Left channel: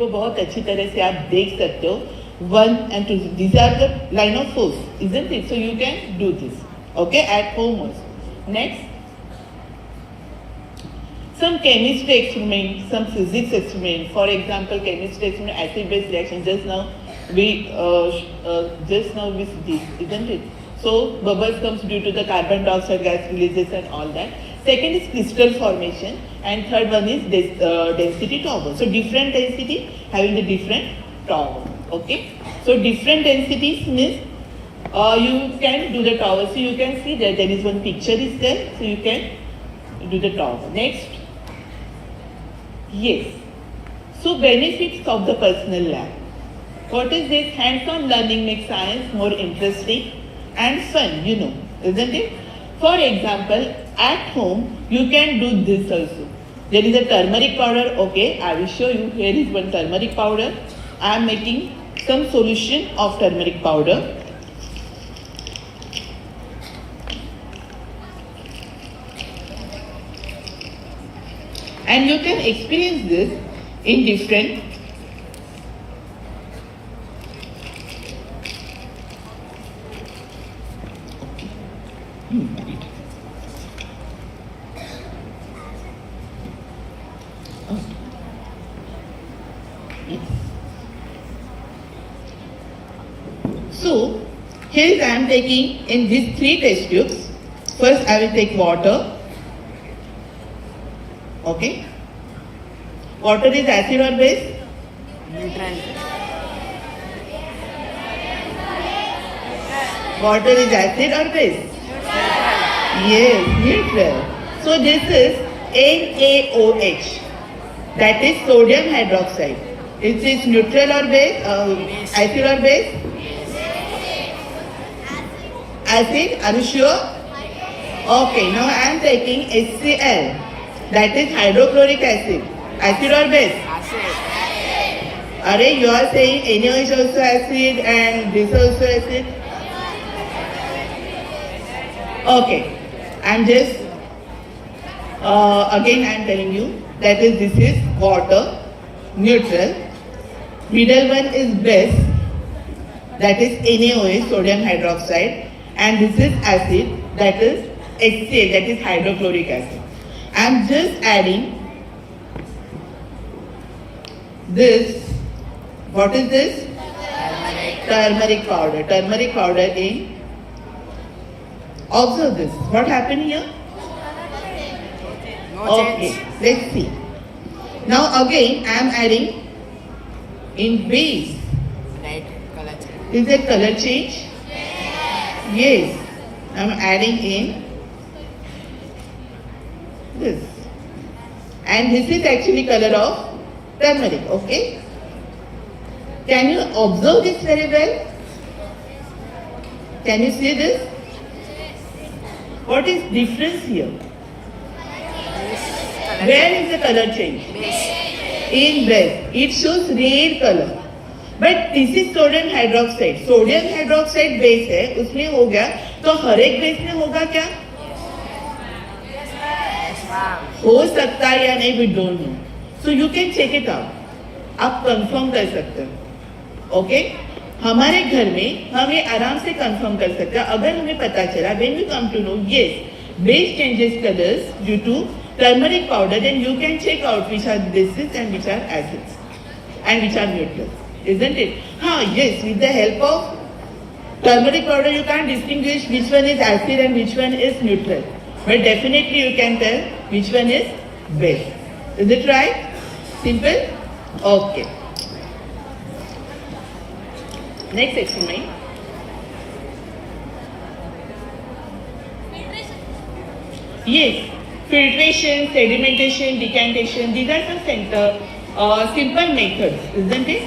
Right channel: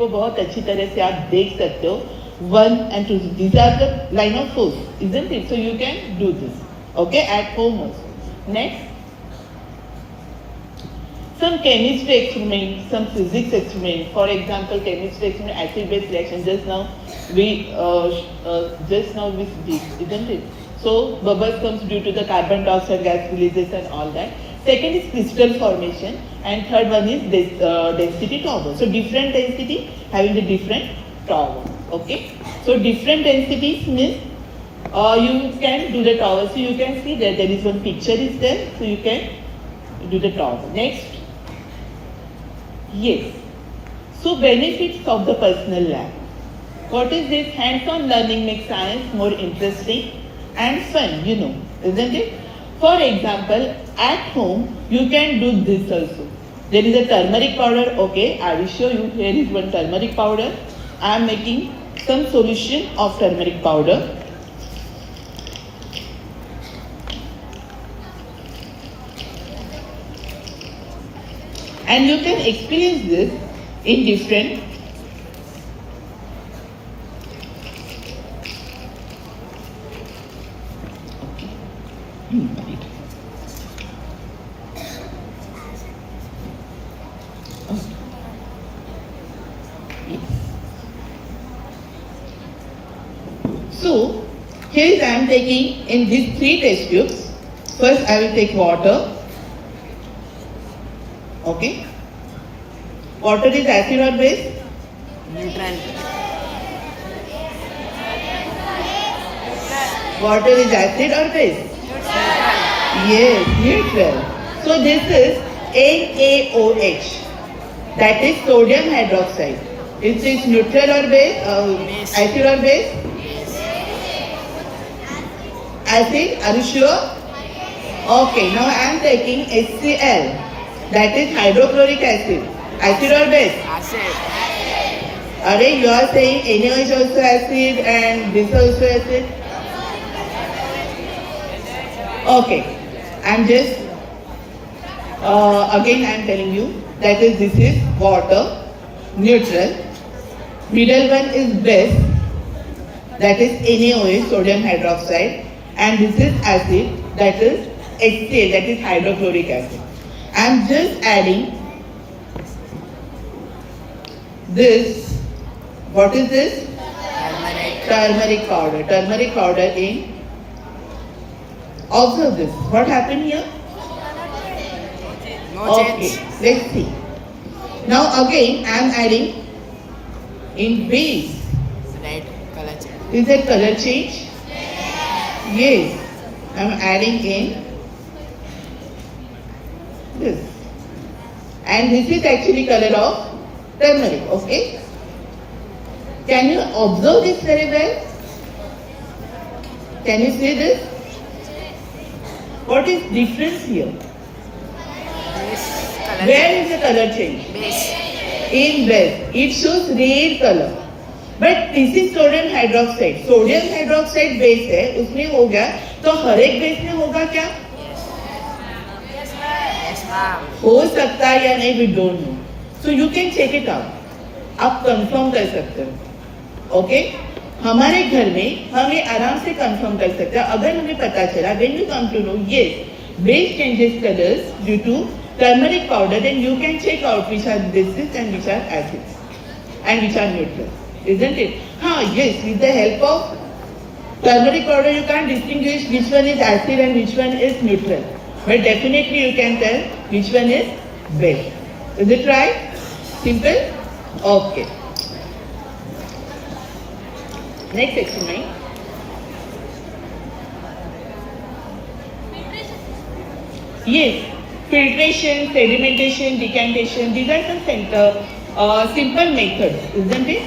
वो बहुत अच्छी तरह से आप देख सकते हो. 1 and 2, these are the line of force, isn't it? So you can do this, okay, at home also. Next, some chemistry experiment, some physics experiment. For example, chemistry experiment, acid-base reaction. Just now we see this, isn't it? So bubbles comes due to the carbon dioxide gas releases and all that. Second is crystal formation, and third one is density towers. So different density having the different tower. Okay. So different densities means you can do the tower. So you can see that there is one picture is there. So you can do the tower. Next. Yes. So benefits of the personal lab. What is this? Hands-on learning makes science more interesting and fun, you know, isn't it? For example, at home, you can do this also. There is a turmeric powder, okay, I will show you. Here is one turmeric powder. I am making some solution of turmeric powder. And you can experience this in different So, here I am taking in these 3 test tubes. First I will take water. Okay. Water is acid or base? Neutral. Water is acid or base? Yes, neutral. So this is NaOH. That is sodium hydroxide. It is neutral or base? Acid or base? Acid, are you sure? Okay, now I am taking HCl. That is hydrochloric acid. Acid or base? Acid. Arey, you are saying NaOH also acid and this also acid? Okay, I am just, again I am telling you that is this is water, neutral. Middle one is base, that is NaOH, sodium hydroxide. And this is acid, that is HCl, that is hydrochloric acid. I am just adding this. What is this? Turmeric powder. Turmeric powder in. Observe this. What happened here? No Okay, change. let's see. Now again, I am adding in base. Light color change. Is there color change? Yes, I am adding in this. And this is actually color of turmeric, okay? Can you observe this very well? Can you see this? What is difference here? Base color Where is the color change? change. Base. In red, it shows red color. But this is sodium hydroxide. Sodium hydroxide base है, उसमें हो गया. तो हर एक base में होगा क्या? Yes, ma'am. हो सकता है या नहीं, we don't know. So you can check it out. आप कंफर्म कर सकते हो. ओके? हमारे घर में हम ये आराम से कंफर्म कर सकते हैं. अगर हमें पता चला, when we come to know, yes, base changes colors due to turmeric powder, then you can check out which are bases and which are acids and which are neutrals. Isn't it? Yes, with the help of turmeric powder you can't distinguish which one is acid and which one is neutral. But definitely you can tell which one is base. Is it right? Simple? Okay. Next experiment. Yes, filtration, sedimentation, decantation, these are some simple methods, isn't it?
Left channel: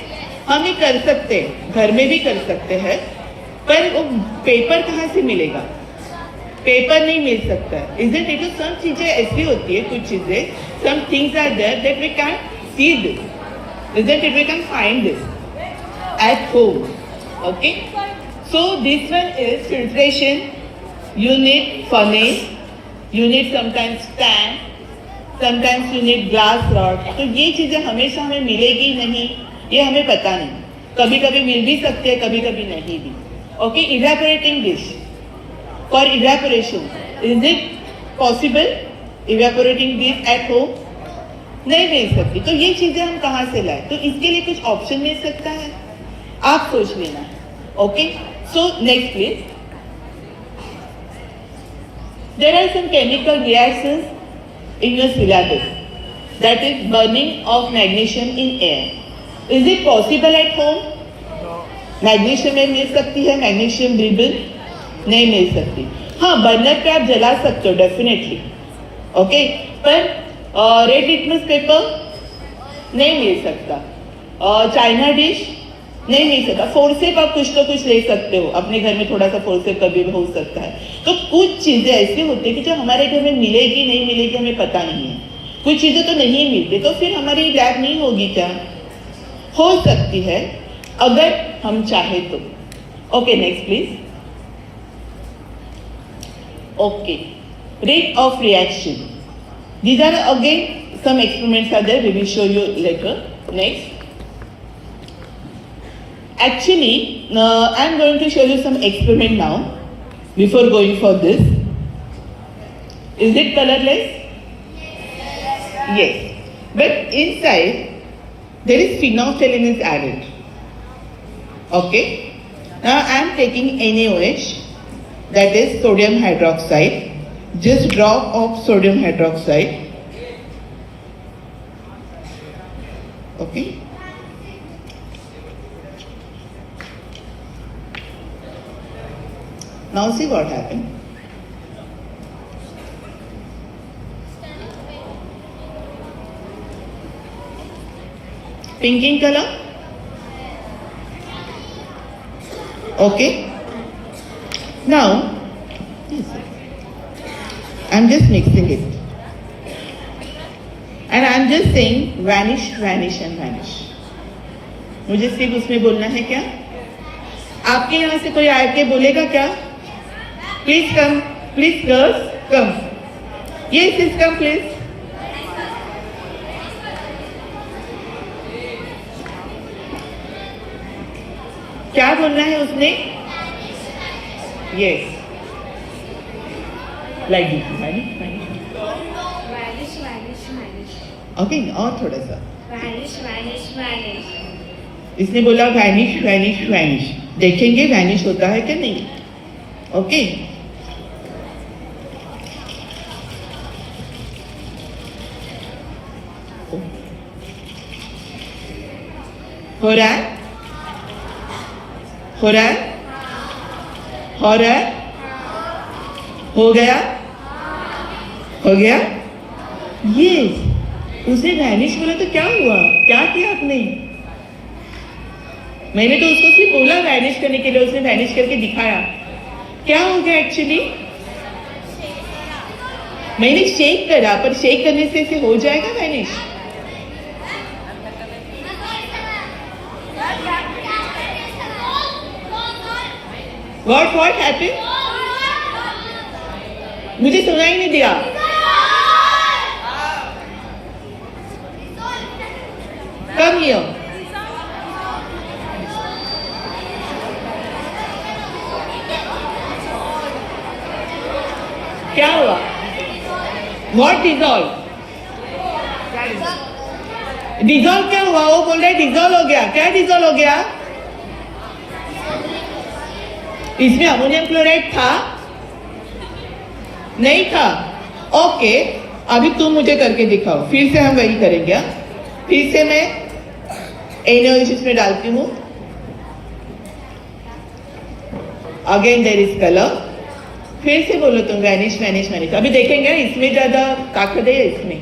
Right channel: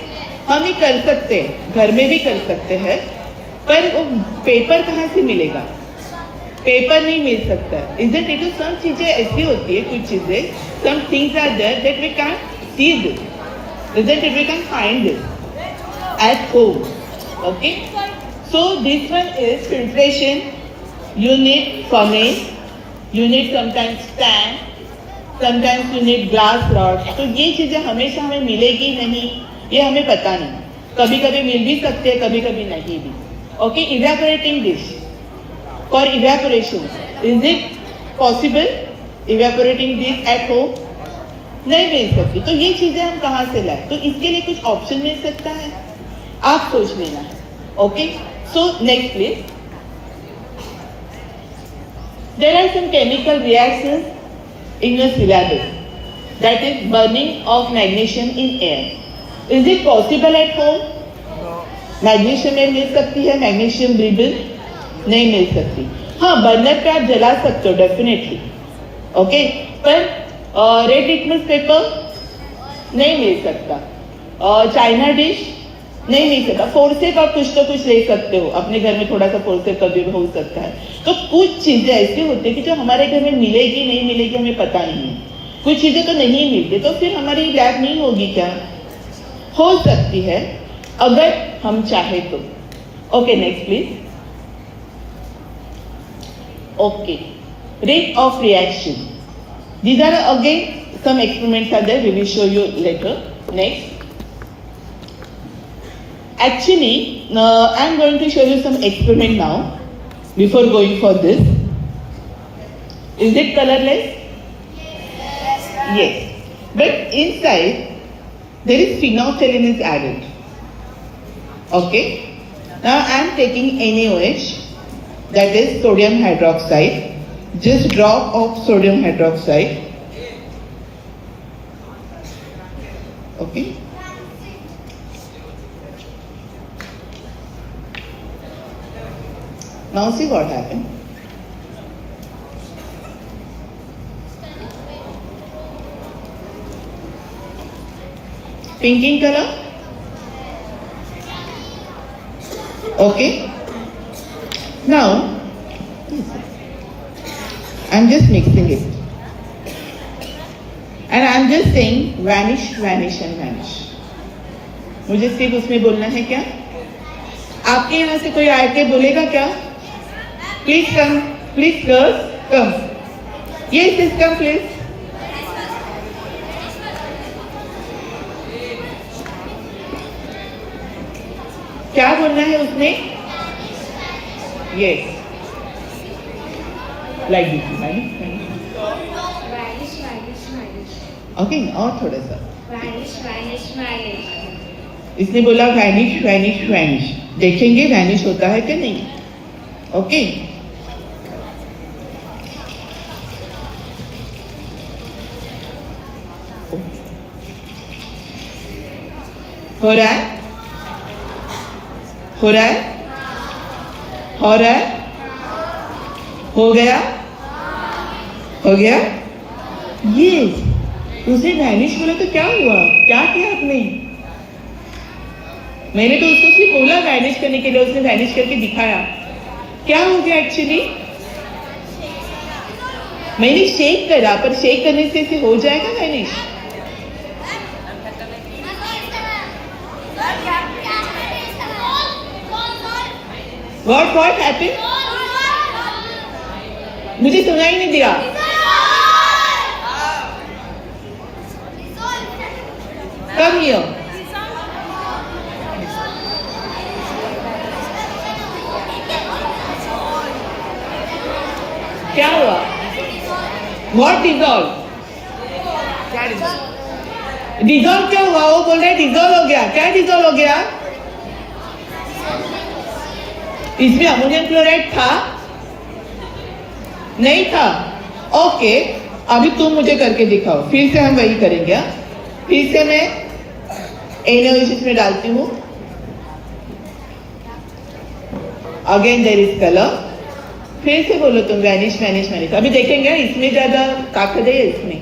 हम ये कर सकते हैं, घर में भी कर सकते हैं, पर वो पेपर कहाँ से मिलेगा? पेपर नहीं मिल सकता. Isn't it? तो some चीजें ऐसी होती है, कुछ चीजें, some things are there that we can't see this. Isn't it? We can find this at home. Okay? So this one is filtration. You need furnace. You need sometimes tank. Sometimes you need glass rod. तो ये चीजें हमेशा हमें मिलेगी नहीं, ये हमें पता नहीं। कभी कभी मिल भी सकते हैं, कभी कभी नहीं भी। Okay, evaporating dish for evaporation, is it possible evaporating dish at home? नहीं मिल सकती। तो ये चीजें हम कहाँ से लाए? तो इसके लिए कुछ ऑप्शन मिल सकता है, आप सोच लेना। Okay, so next please. There are some chemical reactions in your syllabus, that is burning of magnesium in air. Is it possible at home? No. Magnesium में मिल सकती है, मैग्नीशियम रिबन नहीं मिल सकती। हाँ, बर्नर पे आप जला सकते हो डेफिनेटली। ओके, पर रेड लिटमस पेपर नहीं मिल सकता, और चाइना डिश नहीं मिल सकता। फोर्सेप आप कुछ तो कुछ ले सकते हो, अपने घर में थोड़ा सा फोर्सेप कभी भी हो सकता है। तो कुछ चीजें ऐसी होती है कि जो हमारे घर में मिलेगी नहीं मिलेगी हमें पता नहीं है। कुछ चीजें तो नहीं मिलती, तो फिर हमारी लैब नहीं होगी क्या? हो सकती है अगर हम चाहे तो। Okay, next please. Okay, rate of reaction, these are again some experiments are there, we will show you later. Next, actually I am going to show you some experiment now before going for this. Is it colorless? Yes, but inside there is phenolphthalein is added. Okay, now I am taking NaOH, that is sodium hydroxide, just drop of sodium hydroxide. Okay, now see what happened. Pink in color. Okay, now I'm just mixing it and I'm just saying vanish, vanish and vanish. मुझे सिर्फ उसमें बोलना है क्या? आपके यहाँ से कोई आके बोलेगा क्या? प्लीज कम, प्लीज गर्ल्स कम, ये सिस्टम प्लीज। क्या बोलना है उसने? Yes, like this, vanish, vanish. Okay, और थोड़ा सा। इसने बोला वैनिश, वैनिश, वैनिश। देखेंगे वैनिश होता है क्या नहीं। ओके, हो रहा है, हो रहा है, हो रहा है, हो गया, हो गया। ये उसे वैनिश बोला तो क्या हुआ? क्या किया आपने? मैंने तो उसको सिर्फ बोला वैनिश करने के लिए, उसने वैनिश करके दिखाया। क्या हो गया एक्चुअली? मैंने शेक करा, पर शेक करने से इसे हो जाएगा वैनिश? What happened? मुझे सुनाई नहीं दिया। Come here. क्या हुआ? What dissolve? डिजोल्व क्या हुआ? वो बोल रहे डिजोल्व हो गया। क्या डिजोल्व हो गया? इसमें अमोनियम क्लोराइड था? नहीं था। ओके, अभी तुम मुझे करके दिखाओ। फिर से हम वही करेंगे। फिर से मैं NaOH इसमें डालती हूँ। Again there is colour. फिर से बोलो तुम वैनिश, वैनिश, वैनिश। अभी देखेंगे इसमें ज्यादा ताकत है, इसमें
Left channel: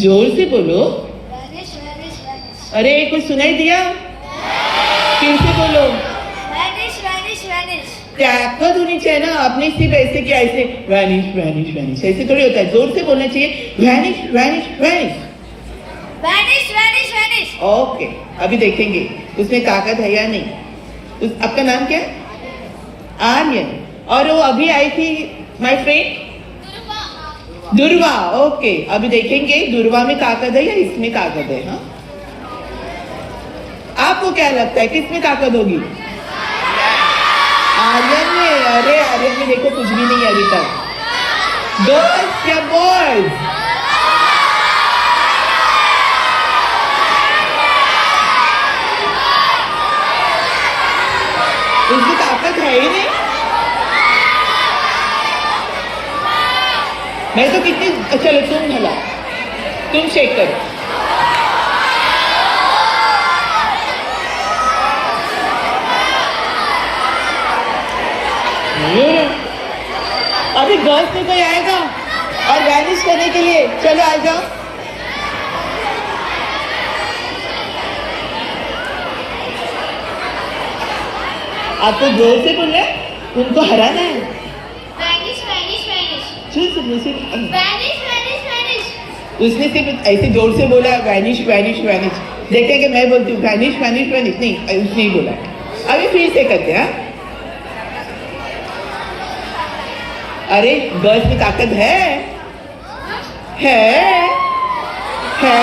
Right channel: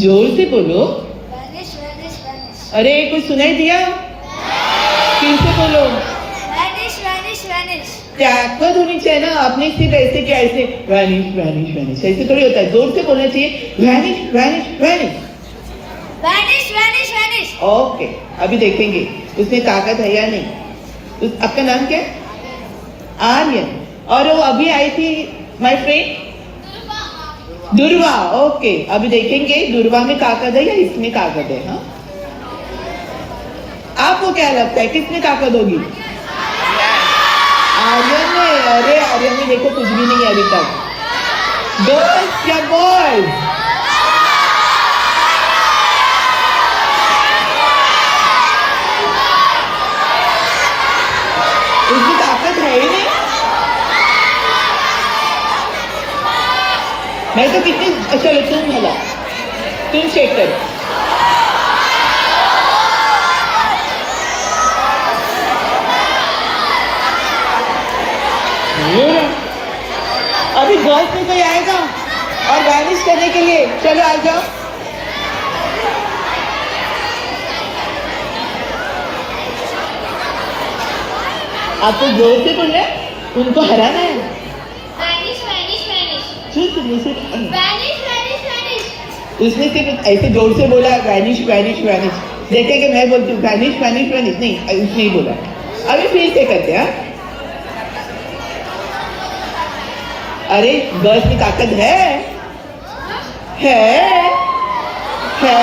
जोर से बोलो। अरे कुछ सुनाई दिया? फिर से बोलो। ताकत होनी चाहिए ना। आपने सिर्फ ऐसे क्या, ऐसे वैनिश, वैनिश, वैनिश ऐसे थोड़ी होता है। जोर से बोलना चाहिए vanish, vanish, vanish, vanish, vanish, vanish. Okay, अभी देखेंगे उसमें ताकत है या नहीं। आपका नाम क्या है? आर्यन। और वो अभी आई थी माय फ्रेंड दुर्वा, ओके। अभी देखेंगे दुर्वा में ताकत है या इसमें ताकत है। हाँ, आपको क्या लगता है किसमें ताकत होगी? आर्यन में। अरे आर्यन में देखो कुछ भी नहीं है अभी तक। गर्ल्स क्या बॉयज? उसकी ताकत है ही नहीं। मैं तो कितनी, चलो तुम भला, तुम चेक करो। अभी गर्ल्स में कोई आएगा और वैनिश करने के लिए? चलो आ जाओ। आपको जोर से बोलना है, उनको हराना है। Vanish, vanish, vanish. चुप मुझे Vanish, vanish, vanish. उसने सिर्फ ऐसे जोर से बोला वैनिश वैनिश वैनिश। देखे कि मैं बोलती हूँ वैनिश वैनिश वैनिश, नहीं उसने ही बोला। अभी फिर से करते हैं। अरे गर्ल्स की ताकत है, है, है।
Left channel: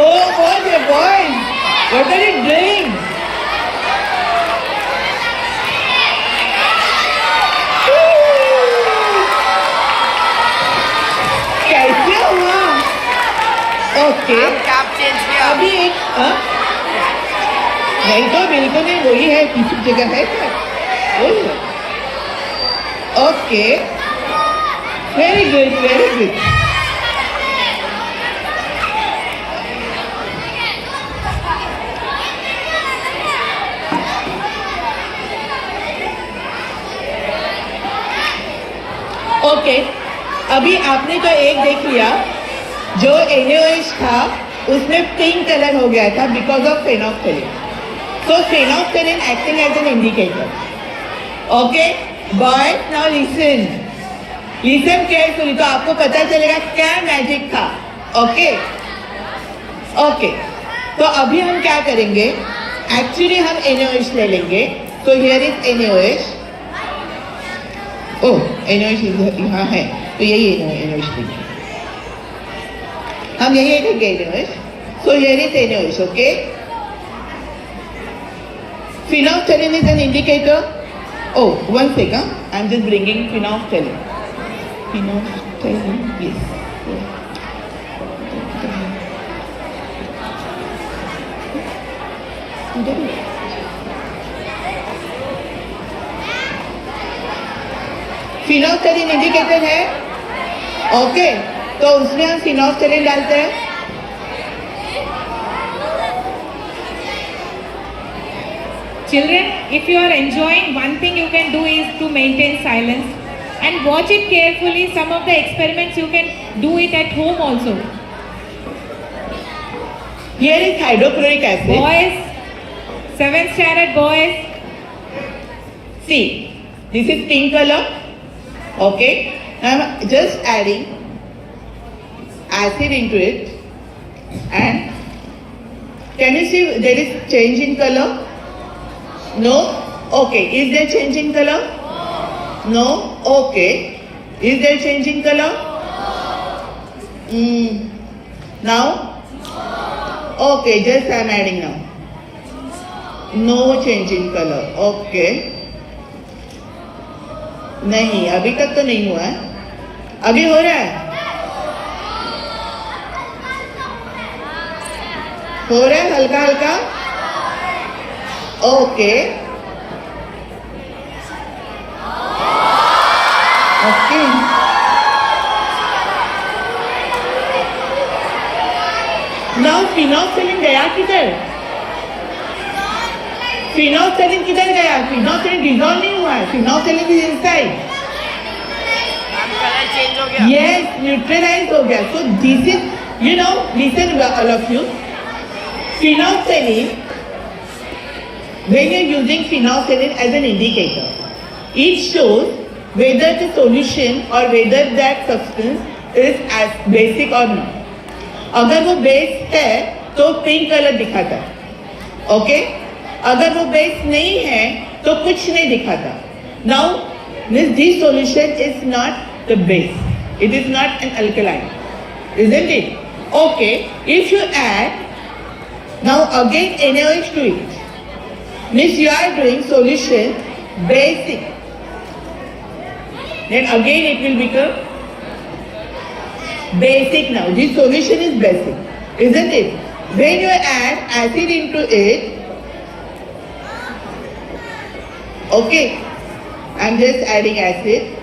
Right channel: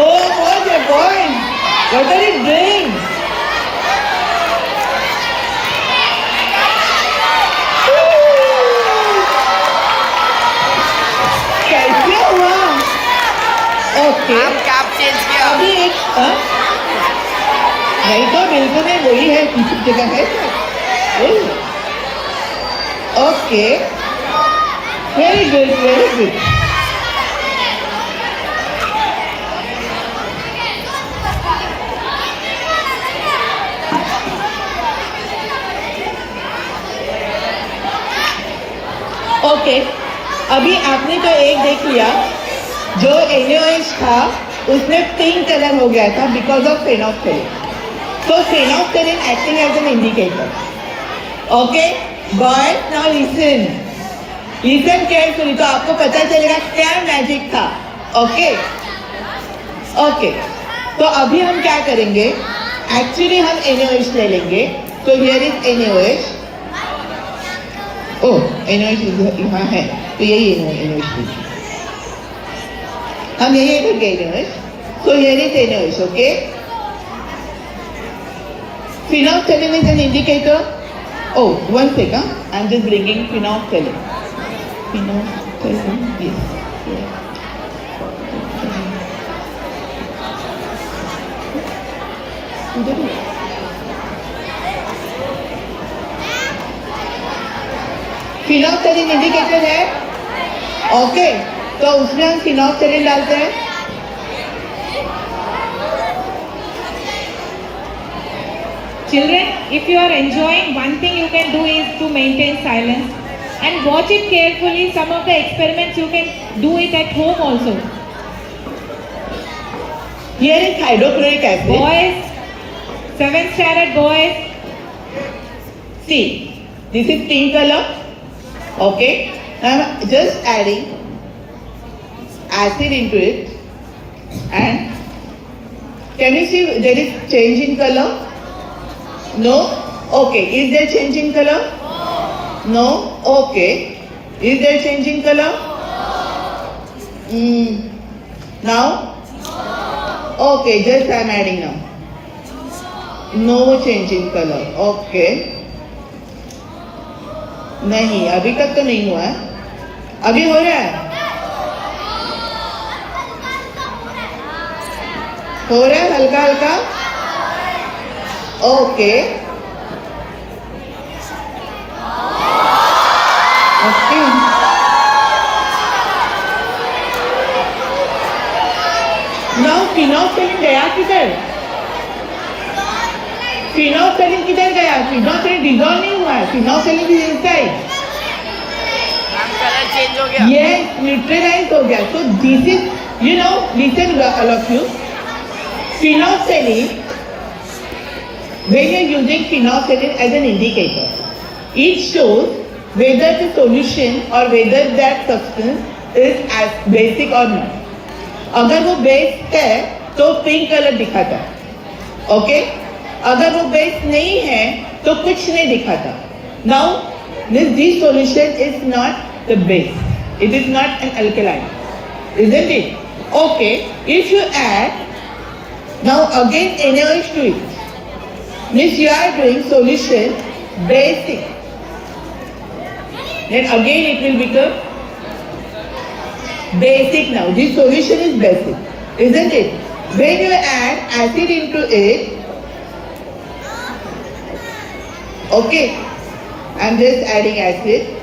Oh boys and boys, what are you doing? कैसे हुआ? ओके, अभी हाँ? नहीं तो बिल्कुल नहीं, वही है, किसी जगह है। Okay, very good, very good. Okay, अभी आपने तो एक देख लिया, जो NaOH था उसमें पिंक कलर हो गया था because of phenolphthalein. So phenolphthalein acting as an indicator. Okay, but now listen. Listen carefully, तो आपको पता चलेगा क्या मैजिक था। Okay, okay. तो अभी हम क्या करेंगे? एक्चुअली हम NaOH ले लेंगे। तो here is NaOH। Oh, NaOH यहाँ है, तो यही NaOH लीजिए। हम यही लेंगे NaOH। So here is NaOH, okay? Phenolphthalein is an indicator. Oh, one second. I'm just bringing phenolphthalein. Phenolphthalein, yes. Phenolphthalein indicator है, ओके। तो उसमें हम phenolphthalein डालते हैं। Children, if you are enjoying, one thing you can do is to maintain silence and watch it carefully. Some of the experiments you can do it at home also. Here is hydrochloric acid. Boys, 7th standard boys. See, this is pink color. Okay, I'm just adding acid into it, and can you see there is change in color? No? Okay. Is there change in color? No? Okay. Is there change in color? Now? Okay, just I'm adding now. No change in color. Okay. नहीं, अभी तक तो नहीं हुआ है। अभी हो रहा है? हो रहा है हल्का हल्का? Okay. Okay. Now phenolphthalein गया किधर? phenolphthalein किधर गया? phenolphthalein dissolve नहीं हुआ है। phenolphthalein is inside. Colour change हो गया। Yes, neutralized हो गया। So this is, you know, listen all of you. Phenolphthalein, when you are using phenolphthalein as an indicator, it shows whether the solution or whether that substance is as basic or not. अगर वो base है तो pink colour दिखाता है, okay. अगर वो base नहीं है तो कुछ नहीं दिखाता। Now Means this solution is not the base. It is not an alkaline. Isn't it? Okay. If you add now again NaOH to it, means you are doing solution basic. Then again it will become basic now. This solution is basic. Isn't it? When you add acid into it, okay, I'm just adding acid.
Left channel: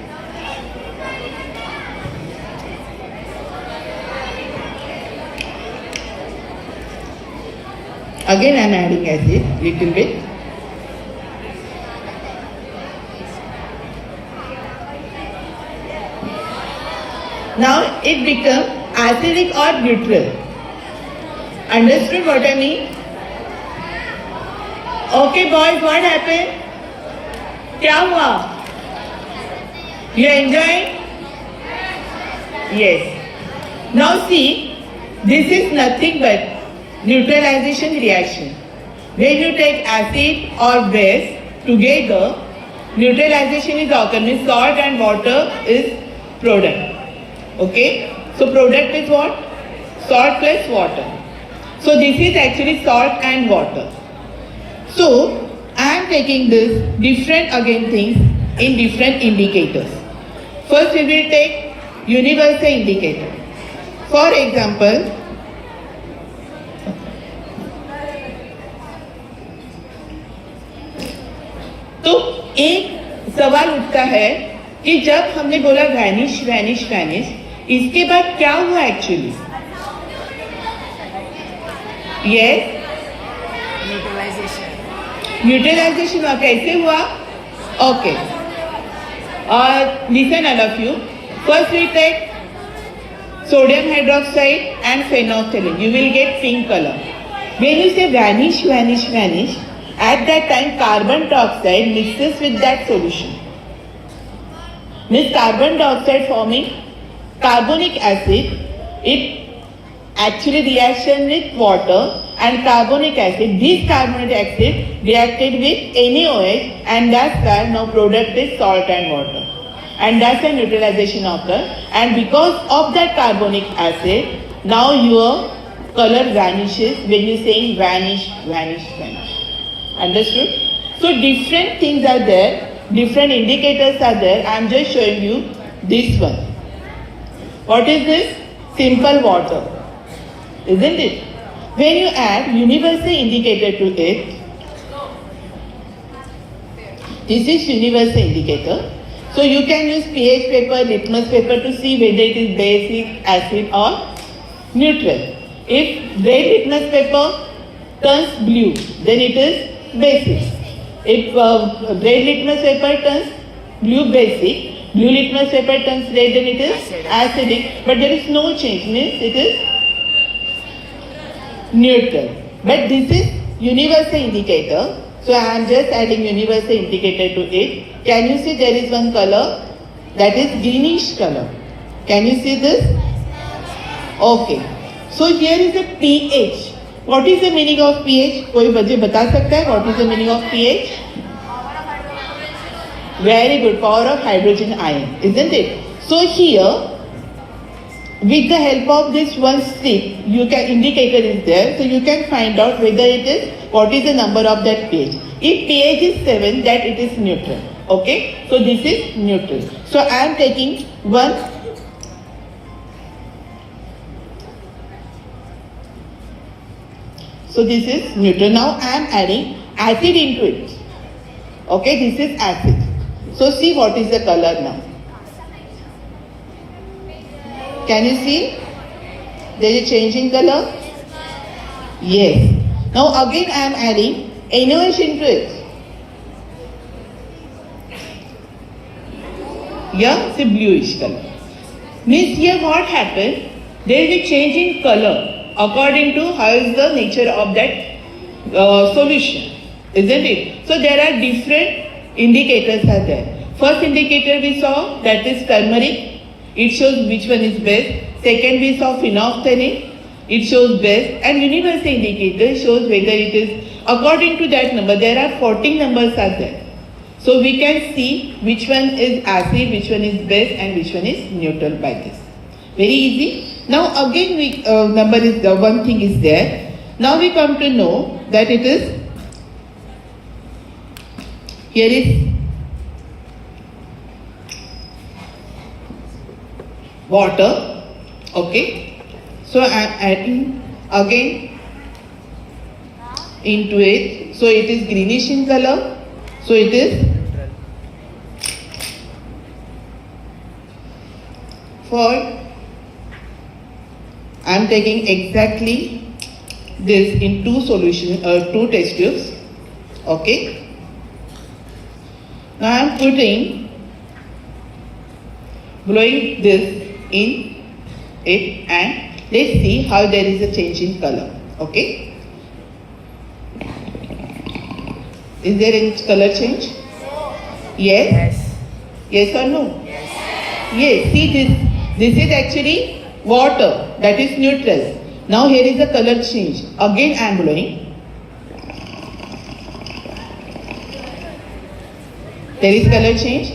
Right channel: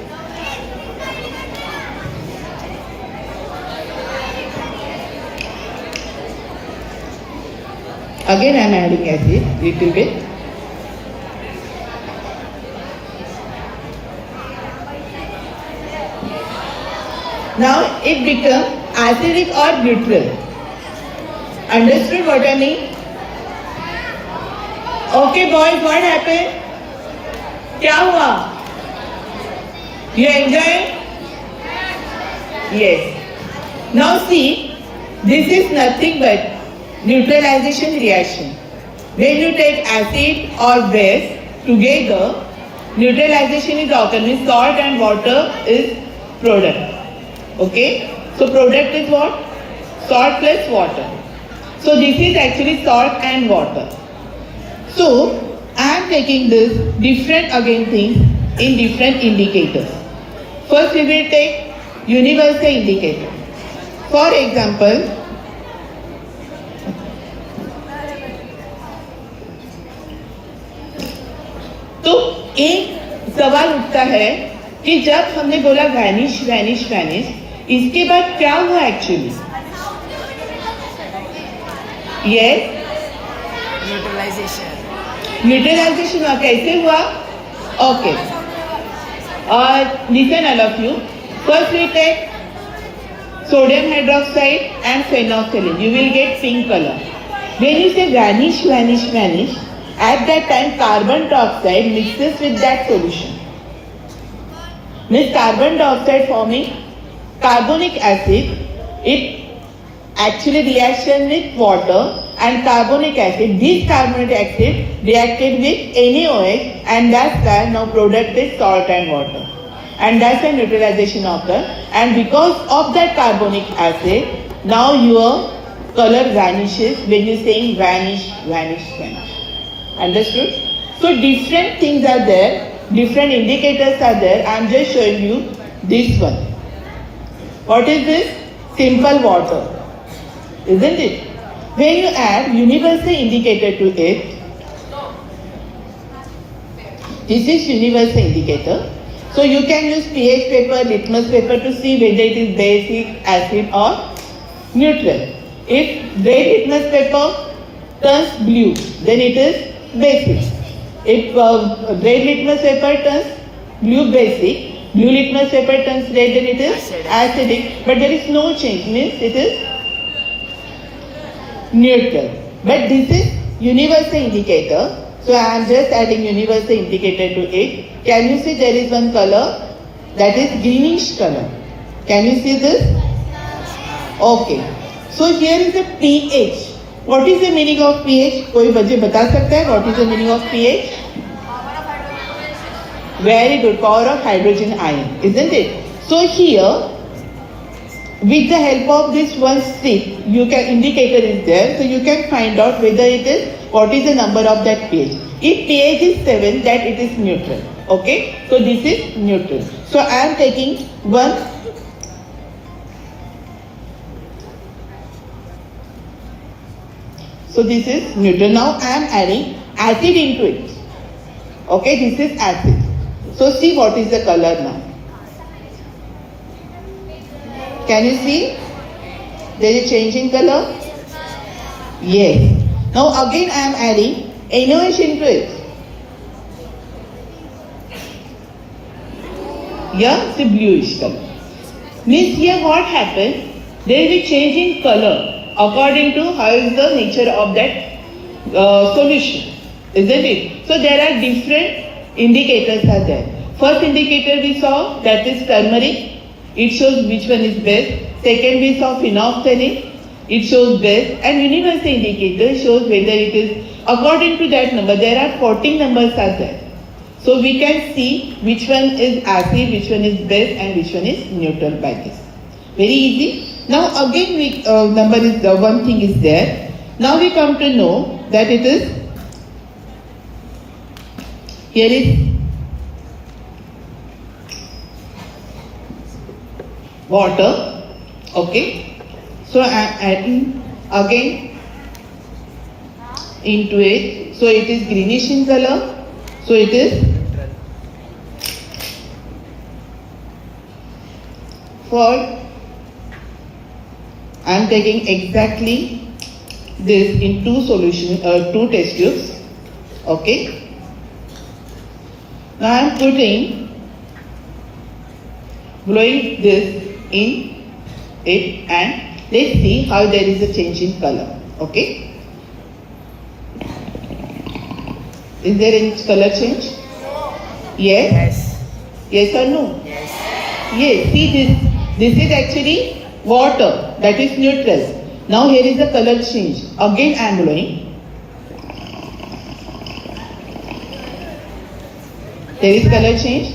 Again I'm adding acid, little bit. Now it becomes acidic or neutral. Understood what I mean? Okay boys, what happened? क्या हुआ? You enjoying? Yes. Now see, this is nothing but neutralization reaction. When you take acid or base together, neutralization is occur. Means salt and water is product. Okay? So product is what? Salt plus water. So this is actually salt and water. So I am taking this different again things in different indicators. First we will take universal indicator. For example, तो एक सवाल उठता है कि जब हमने बोला vanish vanish vanish, इसके बाद क्या हुआ एक्चुअली? यस, न्यूट्रलाइजेशन हुआ. कैसे हुआ? Okay, listen all of you. First we take sodium hydroxide and phenolphthalein. You will get pink color. When you say vanish, vanish, vanish, at that time carbon dioxide mixes with that solution. Means carbon dioxide forming carbonic acid, it actually reaction with water and carbonic acid. This carbonic acid reacted with NaOH and that's why now product is salt and water. And that's a neutralization occur. And because of that carbonic acid, now your color vanishes when you're saying vanish, vanish, vanish. Understood? So different things are there, different indicators are there. I'm just showing you this one. What is this? Simple water. Isn't it? When you add universal indicator to it, this is universal indicator. So you can use pH paper, litmus paper to see whether it is basic, acid or neutral. If red litmus paper turns blue, then it is basic. If red litmus paper turns blue basic, blue litmus paper turns red, then it is acidic. But there is no change, means it is neutral. But this is universal indicator. So I am just adding universal indicator to it. Can you see there is one color that is greenish color? Can you see this? Okay. So here is the pH. What is the meaning of pH? कोई बच्चे बता सकता है? What is the meaning of pH? Very good. Power of hydrogen ion, isn't it? So here, with the help of this one stick, you can indicator is there, so you can find out whether it is what is the number of that pH. If pH is 7, that it is neutral. Okay, so this is neutral. So I am taking one. So this is neutral. Now I am adding acid into it. Okay, this is acid. So see what is the color now. Can you see? There is a change in color? Yes. Now again I am adding NaOH into it. Yeah, it's a bluish color. Means here what happened? There is a change in color according to how is the nature of that solution. Isn't it? So there are different indicators are there. First indicator we saw, that is turmeric. It shows which one is best. Second we saw phenolphthalein. It shows best. And universal indicator shows whether it is according to that number. There are 14 numbers are there. So we can see which one is acid, which one is base, and which one is neutral by this. Very easy. Now again, number is the one thing is there. Now we come to know that it is, here is water. Okay. So I am adding again into it. So it is greenish in color. So it is for, I am taking exactly this in two test tubes. Okay. Now I am blowing this in it, and let's see how there is a change in color. Okay. Is there any color change? Yes? Yes or no? Yes. See this. This is actually water. That is neutral. Now here is the color change. Again I am blowing. There is color change.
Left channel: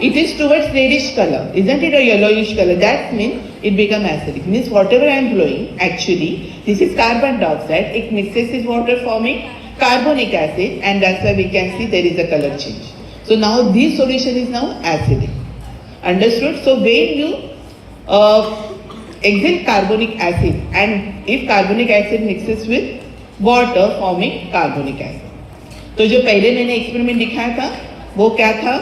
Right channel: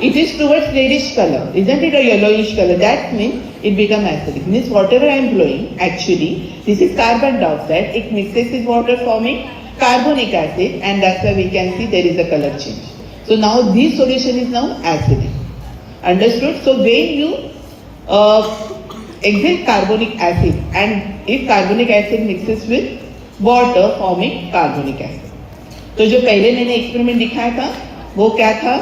It is towards reddish color. Isn't it a yellowish color? That means it becomes acidic. Means whatever I am blowing, actually, this is carbon dioxide. It mixes with water forming carbonic acid, and that's why we can see there is a color change. So now this solution is now acidic. Understood? So when you exit carbonic acid, and if carbonic acid mixes with water forming carbonic acid. तो जो पहले मैंने experiment दिखाया था वो क्या था,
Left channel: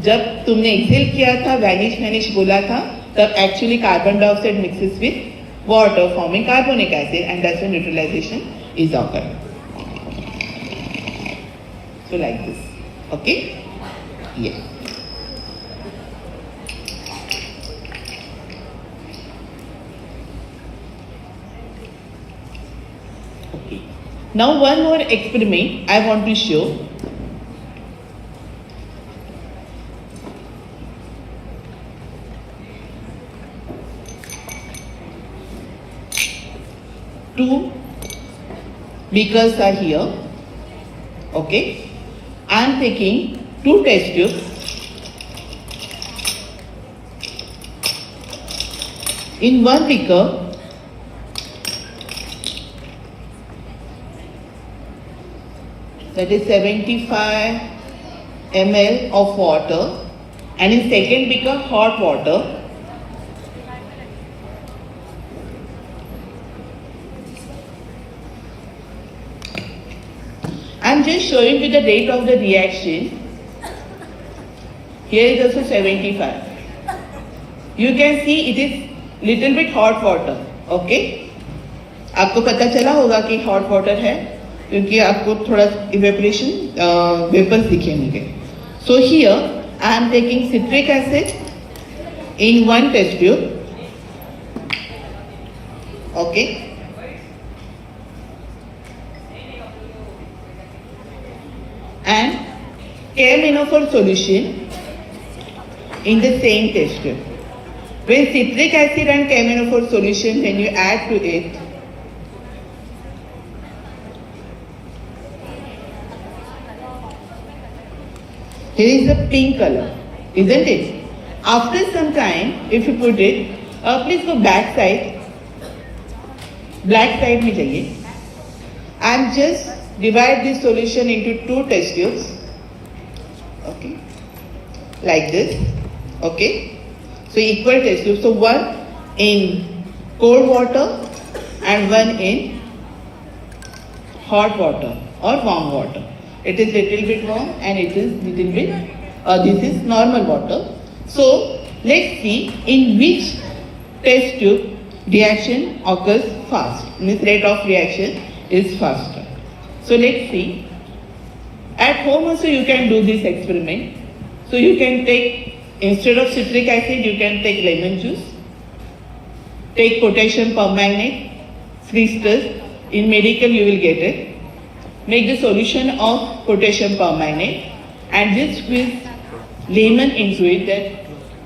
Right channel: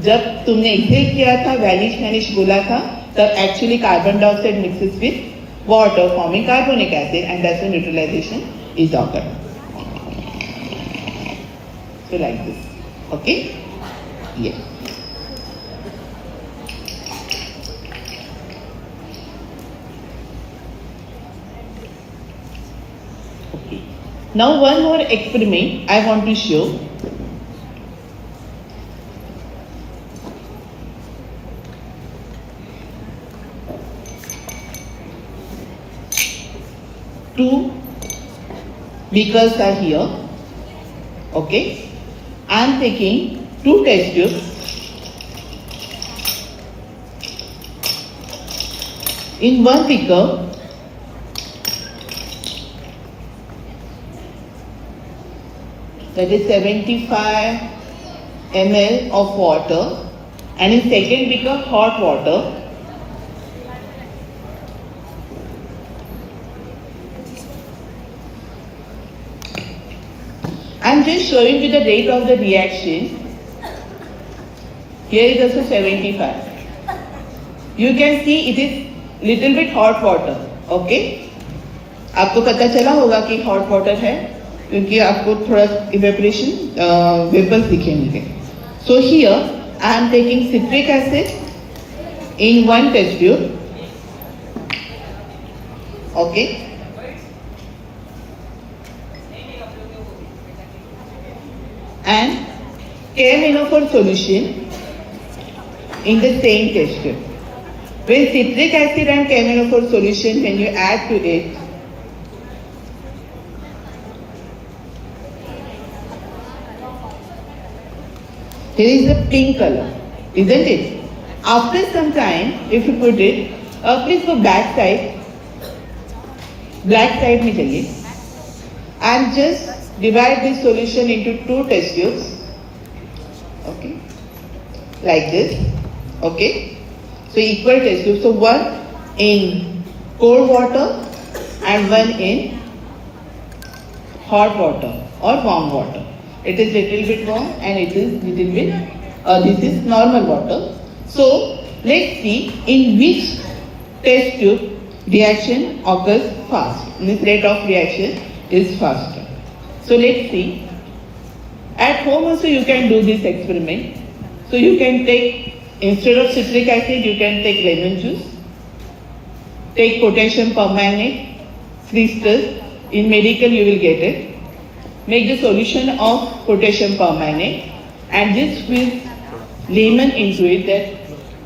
जब तुमने एक्सेल किया था वैनिश बोला था, तब actually carbon dioxide mixes with water forming carbonic acid, and that's when neutralisation is occur. So like this. Okay? Yes. Okay. Now one more experiment I want to show. Two beakers are here. Okay. I am taking two test tubes. In one beaker, that is 75 ml of water, and in second beaker hot water. I am just showing you the rate of the reaction. Here is also 75. You can see it is little bit hot water. Okay? आपको पता चला होगा कि hot water है, क्योंकि आपको थोड़ा evaporation vapors दिखेंगे. So here I am taking citric acid in one test tube. Okay? And KMNO4 solution in the same test tube. When citric acid and KMNO4 solution, when you add to it, here is a pink color, isn't it? After some time, if you put it, please go back side में जाइए. And just divide this solution into two test tubes. Okay, like this. Okay, so equal test tubes. So one in cold water and one in hot water or warm water. It is little bit warm and it is little bit. This is normal water. So let's see in which test tube reaction occurs fast. This rate of reaction is faster. So let's see. At home also you can do this experiment. So you can take, instead of citric acid, you can take lemon juice. Take potassium permanganate, crystals. In medical you will get it. Make the solution of potassium permanganate and just squeeze lemon into it,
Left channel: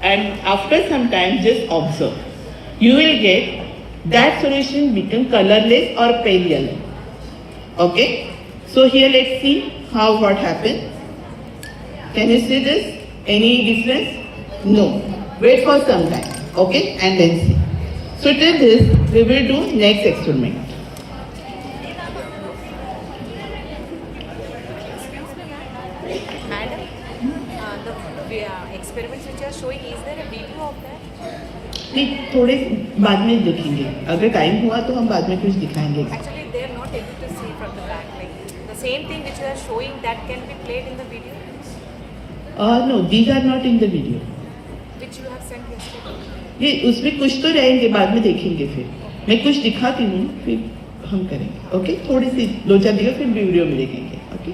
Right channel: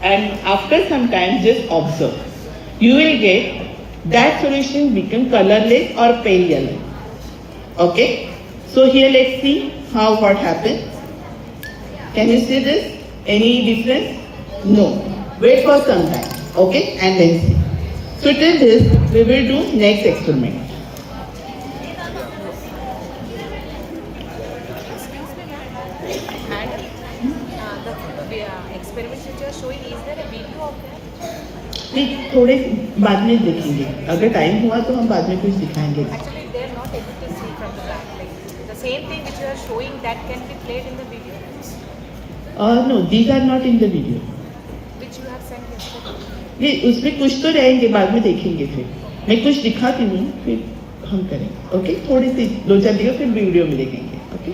and after some time just observe. You will get that solution become colorless or pale yellow. Okay? So here let's see what happens. Can you see this? Any difference? No. Wait for some time. Okay, and then see. So till this, we will do next experiment. Excuse me, ma'am. Madam, the experiments which you are showing, is there a video of that? नहीं, थोड़े बाद में देखेंगे. अगर time हुआ तो हम बाद में कुछ दिखाएंगे. Actually, they are not able to see from the back. Like the same thing which you are showing, that can be played in the video, No, these are not in the video. which you have sent yesterday. ये उसमें कुछ तो रहेंगे, बाद में देखेंगे फिर. मैं कुछ दिखाती हूँ, फिर हम करेंगे. ओके, थोड़ी सी 2-4 दिखा, फिर वीडियो में देखेंगे. Okay.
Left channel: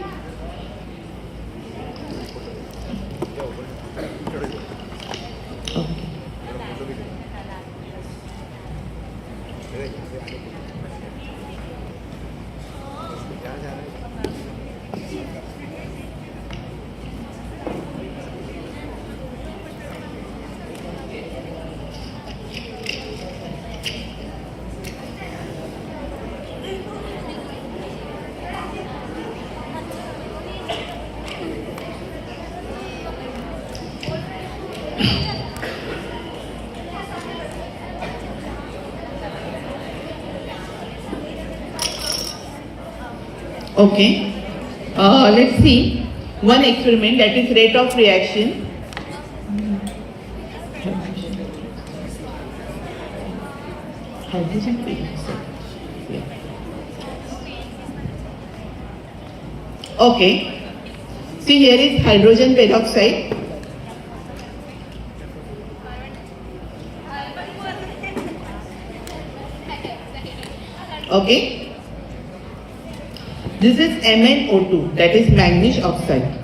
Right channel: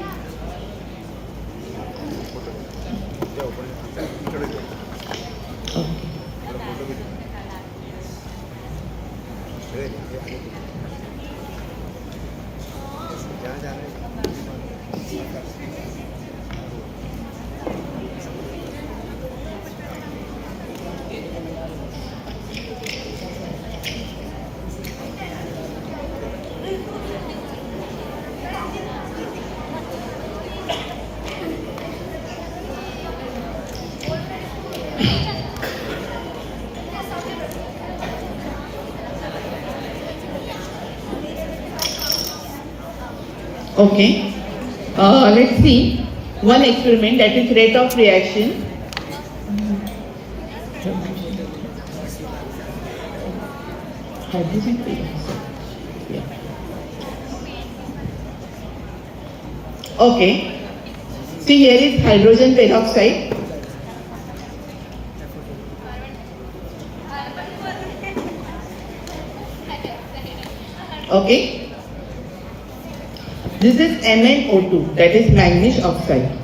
Okay, let's see one experiment, that is rate of reaction. Hydrogen peroxide. Yeah. Okay, see here is hydrogen peroxide. Okay. This is MnO2, that is manganese oxide.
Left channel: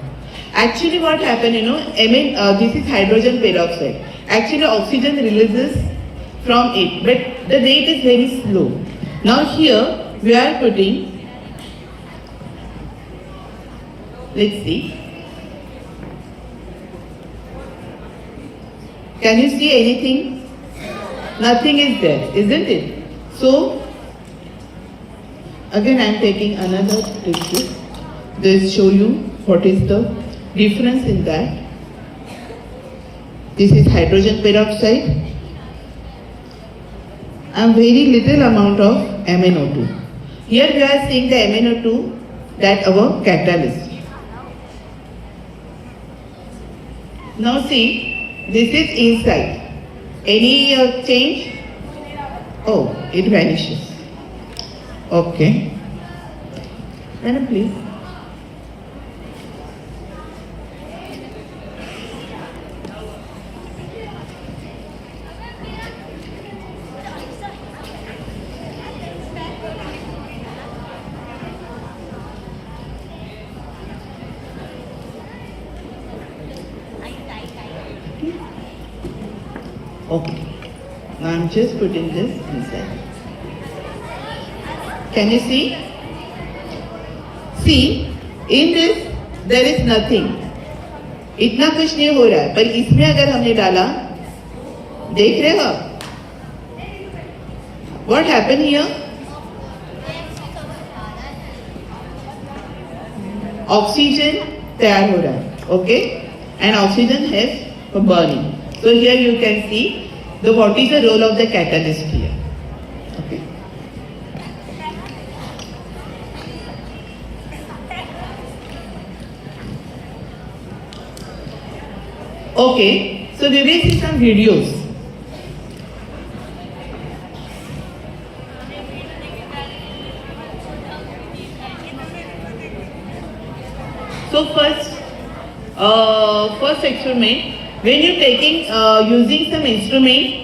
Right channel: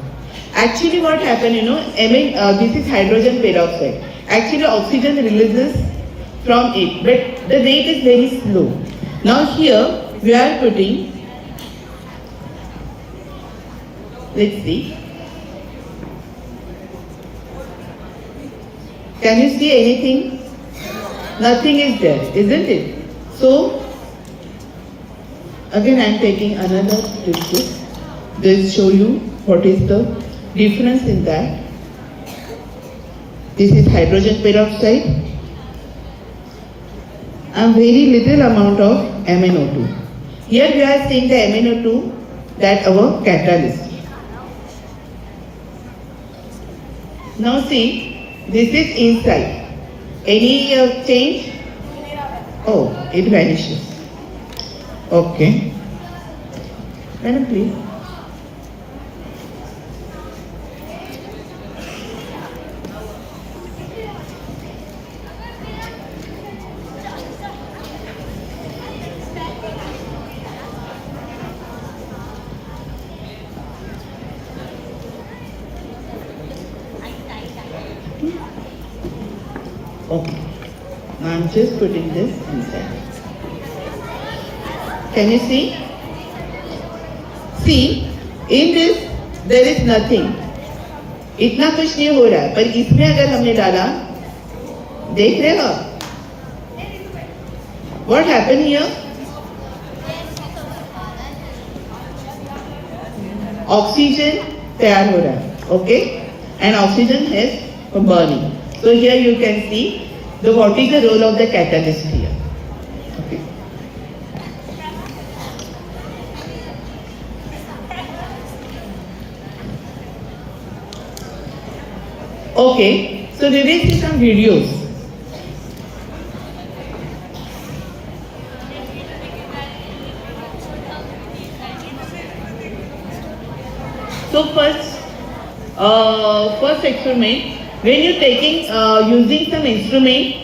Actually what happened, this is hydrogen peroxide. Actually oxygen releases from it, but the rate is very slow. Now here we are putting, let's see. Can you see anything? Nothing is there, isn't it? So again I am taking another liquid. This show you what is the difference in that. This is hydrogen peroxide and very little amount of MnO2. Here we are seeing the MnO2, that our catalyst. Now see, this is inside. Any change? Oh, it vanishes. Okay. Madam, please. Okay. I'm just putting this inside. Can you see? See, in this there is nothing. इतना कुछ नहीं हो रहा है, पर इसमें अगर हमने डाला, देख रहे हो? What happened here? Oxygen तैयार हो रहा है, okay? And oxygen is burning. So here you can see what is the role of the catalyst here. Okay. Okay, so we will see some videos. So first experiment, when you're taking using some instrument,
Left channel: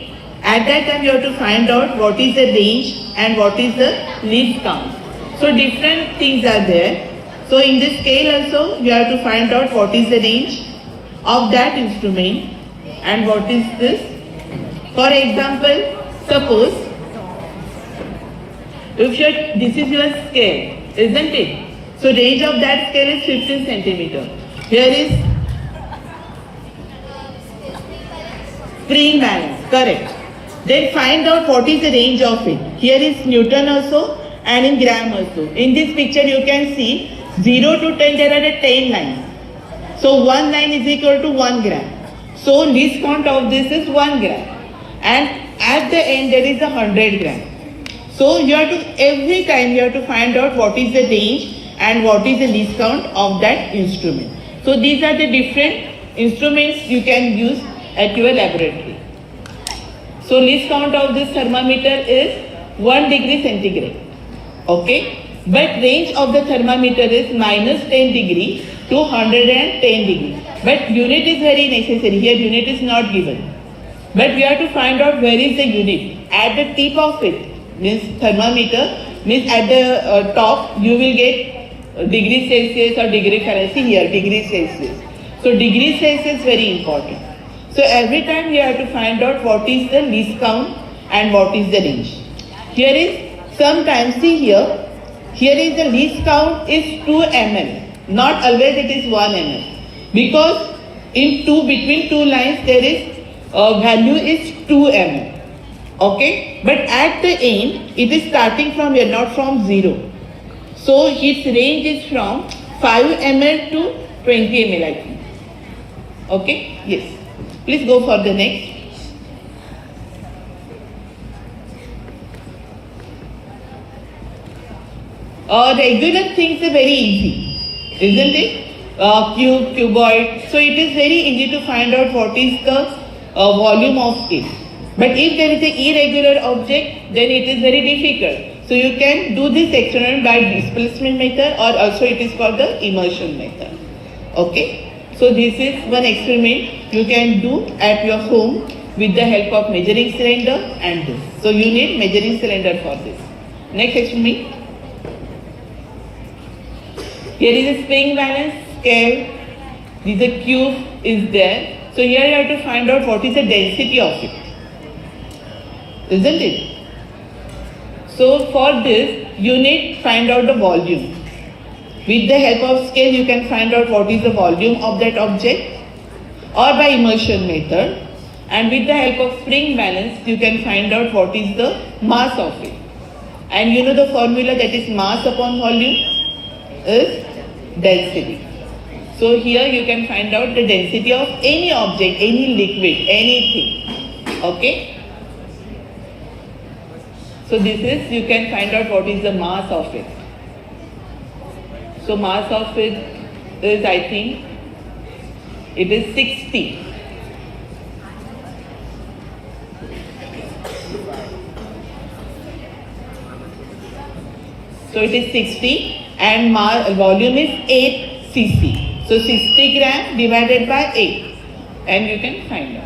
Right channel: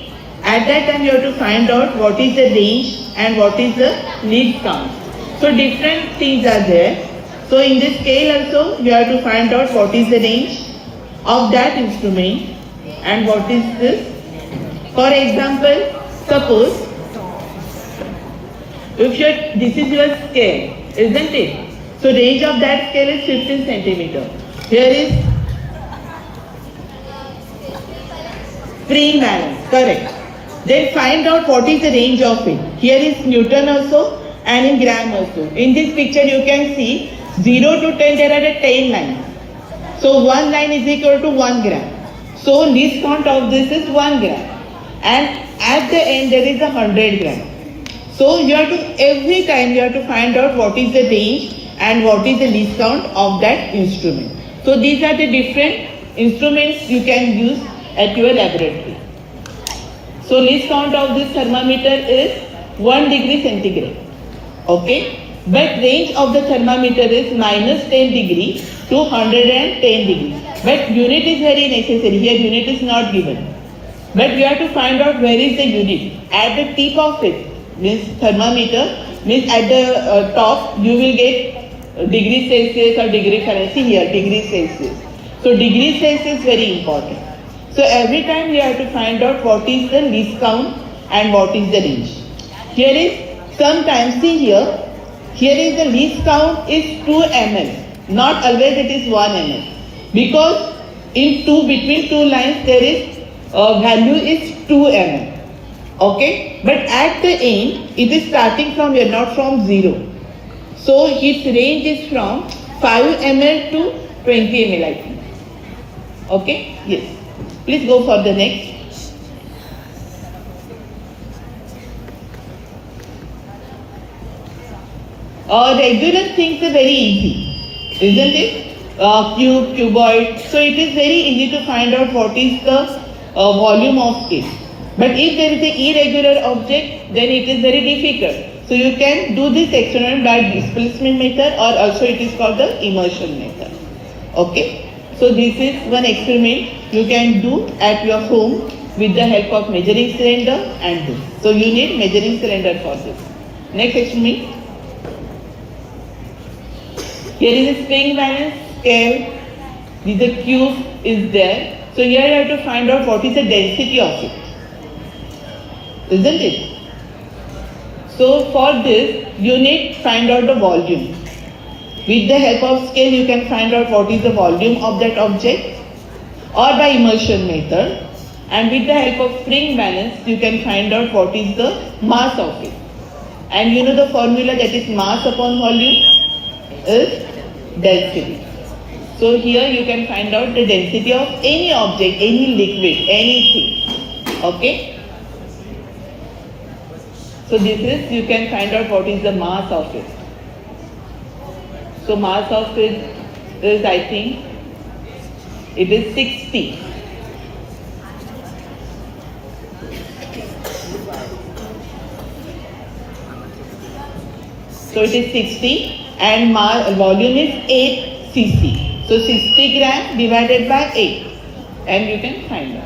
at that time you have to find out what is the range and what is the lead count. So different things are there. So in this scale also you have to find out what is the range of that instrument and what is this. For example, suppose if this is your scale, isn't it? So range of that scale is 15 centimeter. Here is spring balance, correct. Then find out what is the range of it. Here is Newton also and in gram also. In this picture you can see 0 to 10 there are 10 lines. So 1 line is equal to 1 gram. So least count of this is 1 gram. And at the end there is a 100 gram. So you have to, every time you have to find out what is the range and what is the least count of that instrument. So these are the different instruments you can use at your laboratory. So least count of this thermometer is 1 degree centigrade. Okay? But range of the thermometer is minus 10 degree to 110 degree. But unit is very necessary. Here unit is not given. But we have to find out where is the unit. At the tip of it, means thermometer, means at the top you will get degree Celsius or degree Fahrenheit. See here, degree Celsius. So degree Celsius is very important. So every time you have to find out what is the least count and what is the range. Here is sometimes, see here, here is the least count is 2 mm. Not always it is 1 mm. Because in between two lines there is value is 2 mm. Okay, but at the end it is starting from here, not from 0. So its range is from 5 ml to 20 ml, I think. Okay, yes. Please go for the next. Regular things are very easy, isn't it? Cube, cuboid. So it is very easy to find out what is the volume of it. But if there is an irregular object, then it is very difficult. So you can do this experiment by displacement method, or also it is called the immersion method. Okay. So this is one experiment you can do at your home with the help of measuring cylinder and this. So you need measuring cylinder for this. Next experiment. Here is a spring balance scale. This is a cube is there. So here you have to find out what is the density of it. Isn't it? So for this, you need to find out the volume. With the help of scale, you can find out what is the volume of that object, or by immersion method. And with the help of spring balance, you can find out what is the mass of it. And you know the formula, that is mass upon volume is density. So here you can find out the density of any object, any liquid, anything. Okay? So this is, you can find out what is the mass of it. So mass of it is, I think, it is 60. So it is 60 and volume is 8 cc. So 60 gram divided by 8 and you can find out.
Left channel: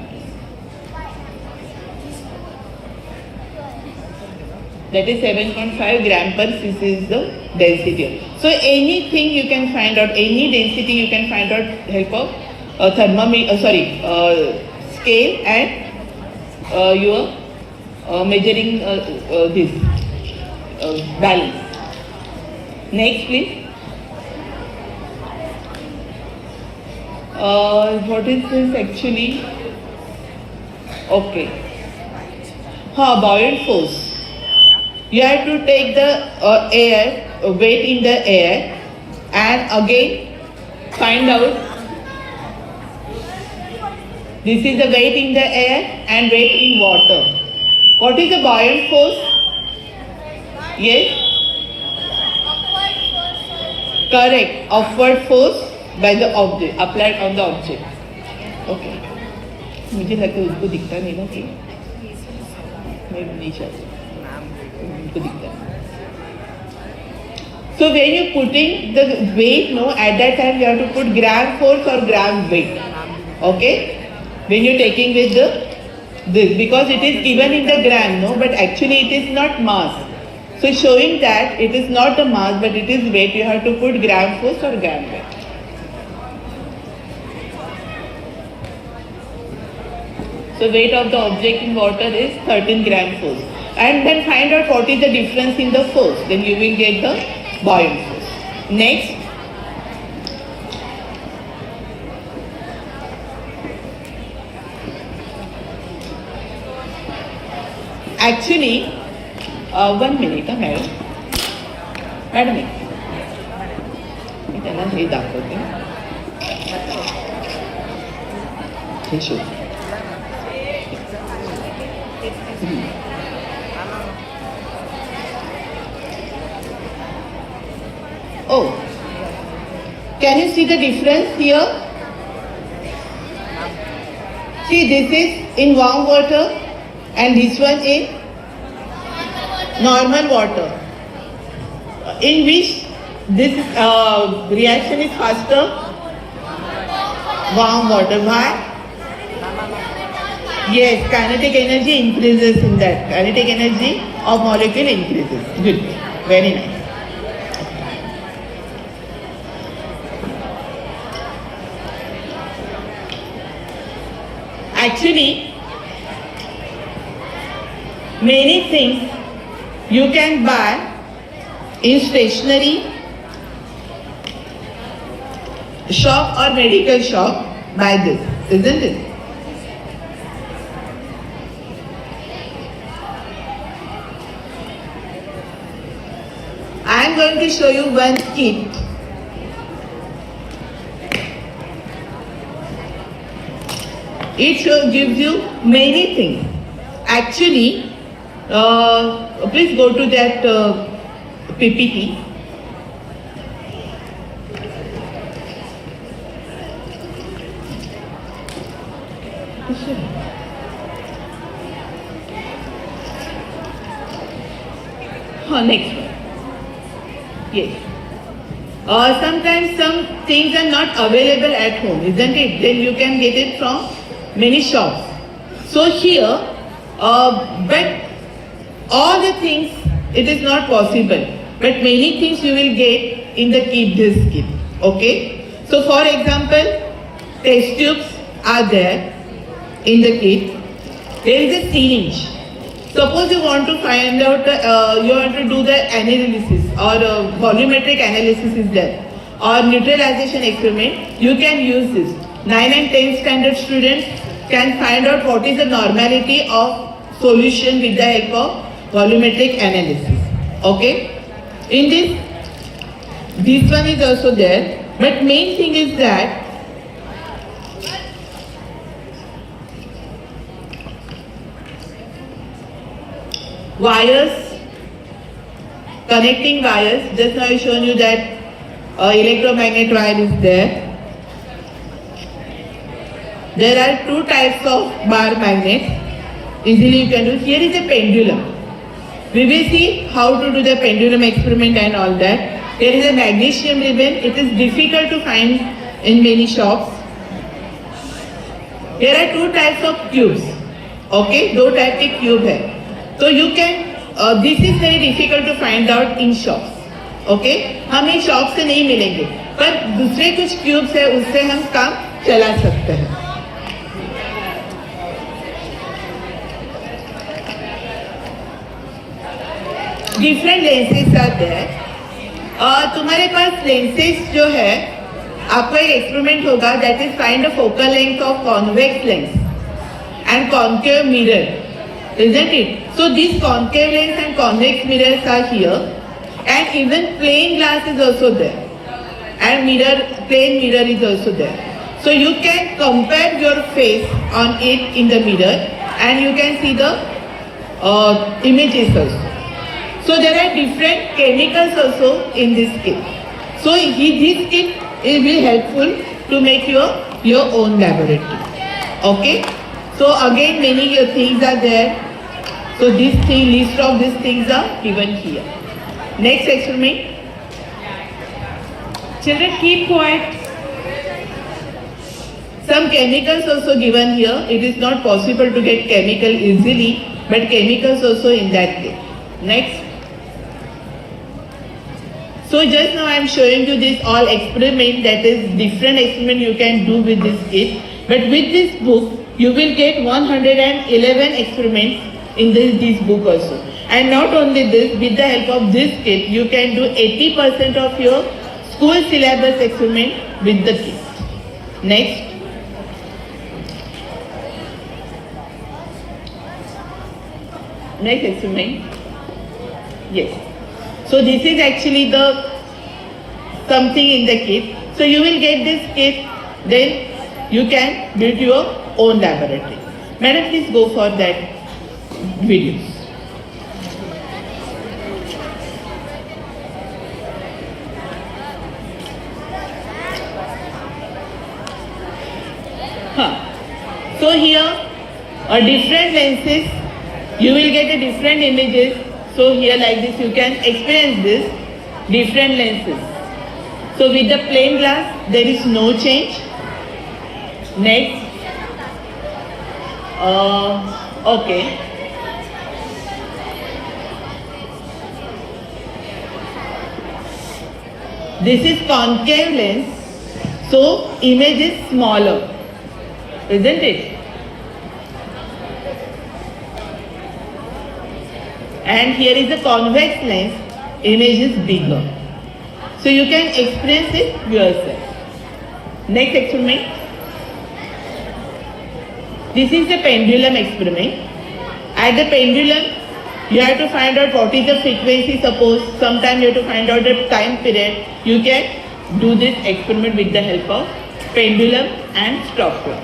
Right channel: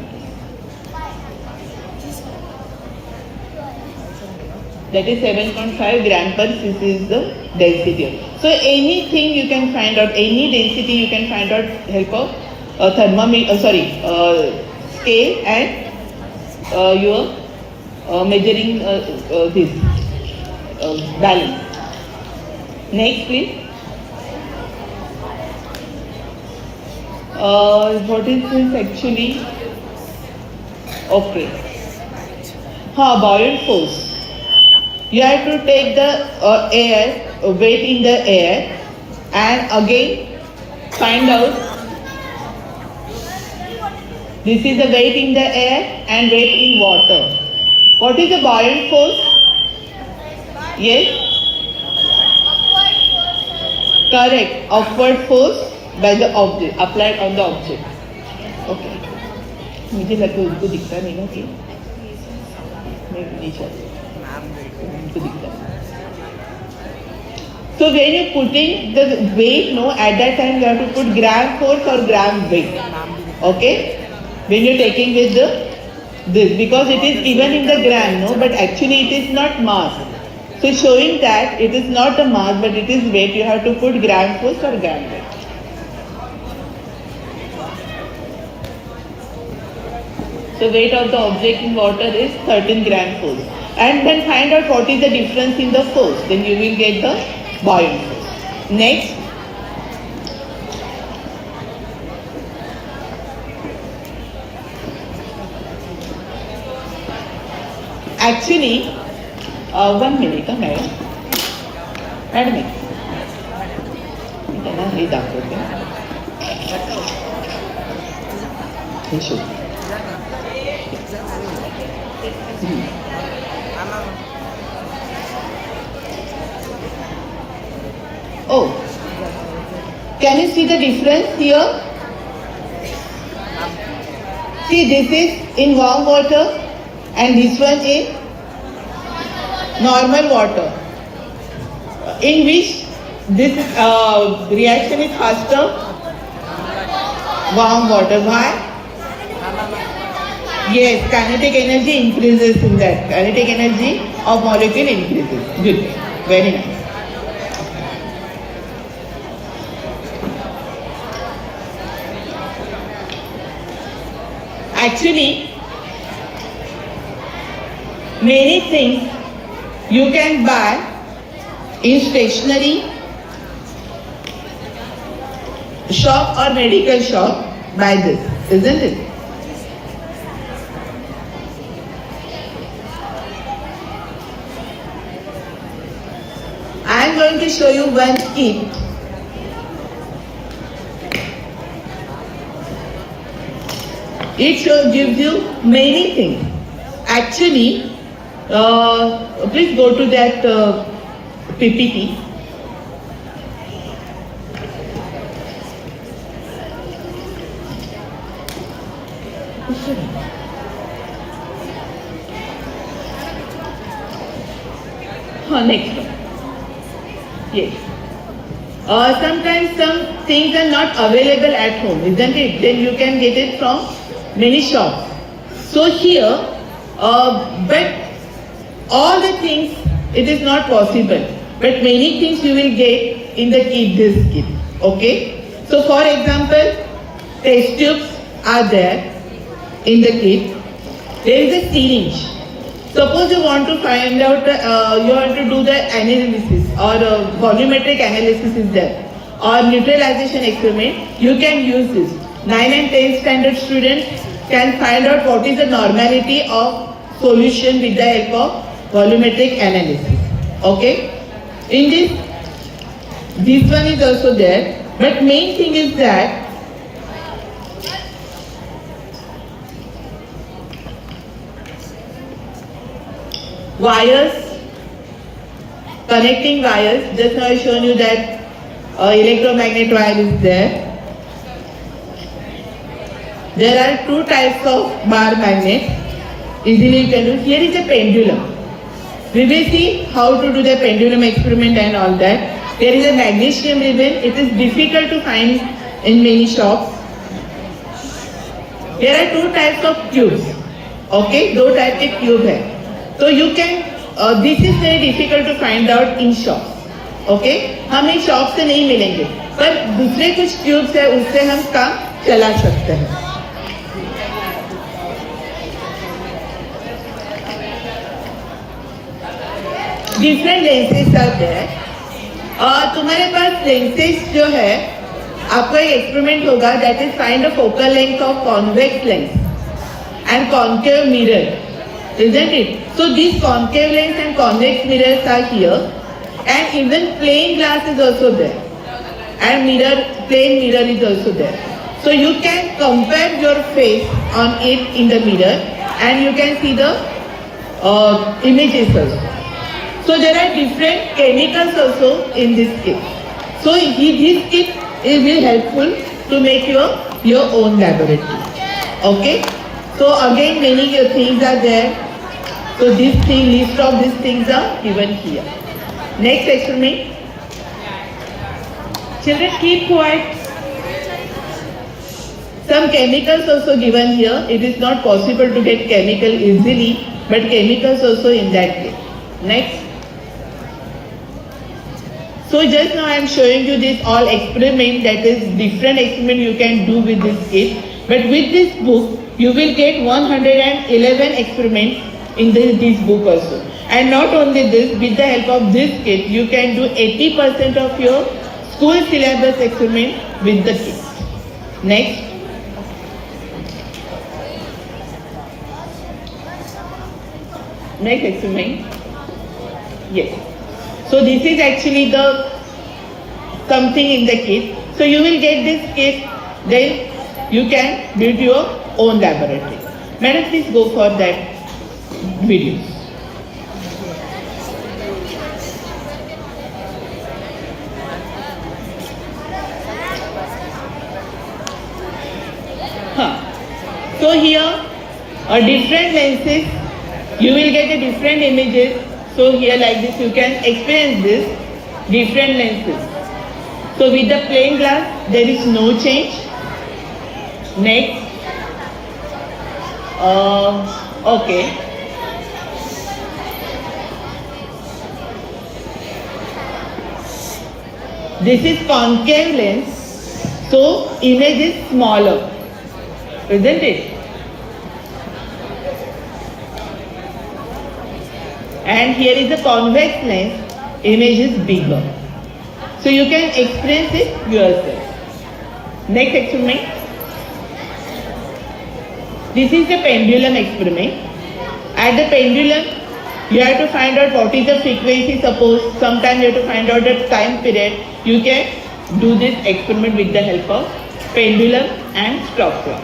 That is 7.5 gram per cc is the density. So anything you can find out, any density you can find out help of thermometer, scale and your measuring this balance. Next, please. What is this actually? Okay. Buoyant force. You have to take the air, weight in the air, and again find out. This is the weight in the air and weight in water. What is the buoyant force? Yes? Correct. Upward force by the object, applied on the object. Okay. मुझे लगता है उसको दिखता नहीं ना कि मैं नहीं चाहती उनको दिखता है. So when you putting the weight, no, at that time you have to put gram force or gram weight. Okay? When you're taking with this, because it is given in the gram, no, but actually it is not mass. So showing that it is not a mass but it is weight, you have to put gram force or gram weight. The weight of the object in water is 13 gram force. And then find out what is the difference in the force. Then you will get the buoyant force. Next. Actually, 1 minute, madam. Madam, मी त्यांना हे दाखवते. He should. Oh, can you see the difference here? See, this is in warm water and this one in normal water. In which this reaction is faster? Warm water. Why? Yes, kinetic energy increases in that. Kinetic energy of molecule increases. Good. Very nice. Actually, many things you can buy in stationery shop or medical shop by this, isn't it? I am going to show you one kit. It gives you many things. Actually, please go to that PPT. Next one. Yes. Sometimes some things are not available at home, isn't it? Then you can get it from many shops. So here, but all the things, it is not possible. But many things you will get in the kit, this kit. Okay? So for example, test tubes are there in the kit. There is a syringe. Suppose you want to find out, you want to do the analysis or volumetric analysis is there or neutralization experiment, you can use this. 9 and 10 standard students can find out what is the normality of solution with the help of volumetric analysis. Okay? In this one is also there, but main thing is that wires, connecting wires, just now I shown you that electromagnet wire is there. There are two types of bar magnets. Easily you can do. Here is a pendulum. We will see how to do the pendulum experiment and all that. There is a magnesium ribbon. It is difficult to find in many shops. There are two types of tubes. Okay, दो type के tube है. So you can. This is very difficult to find out in shops. Okay, हम in shop से नहीं मिलेंगे, पर दूसरे कुछ ट्यूब्स है उससे हम काम चला सकते हैं. Different lenses are there. तुम्हारे पास लेंसेज जो है, आपका एक एक्सपेरिमेंट होगा that is find the focal length of convex lens and concave mirror, isn't it? So these concave lens and convex mirrors are here, and even plain glass is also there, and plain mirror is also there. So you can compare your face on it in the mirror, and you can see the images also. So there are different chemicals also in this kit. So this kit will helpful to make your own laboratory. Okay. So again many things are there. So list of these things are given here. Next experiment. Children, keep quiet. Some chemicals also given here. It is not possible to get chemical easily, but chemicals also in that kit. Next. So just now I am showing you this all experiment, that is different experiment you can do with this kit. But with this book, you will get 111 experiments in this book also. And not only this, with the help of this kit, you can do 80% of your school syllabus experiment with the kit. Next. Next experiment. Yes. So this is actually the something in the kit. So you will get this kit then you can build your own laboratory. Madam, please go for that video. So here, different lenses, you will get a different images. So here like this, you can experience this different lenses. So with the plain glass, there is no change. Next, okay. This is concave lens, so image is smaller, isn't it? And here is a convex lens, image is bigger. So you can experience it yourself. Next experiment. This is the pendulum experiment. At the pendulum, you have to find out what is the frequency. Suppose sometimes you have to find out the time period. You can do this experiment with the help of pendulum and stopwatch.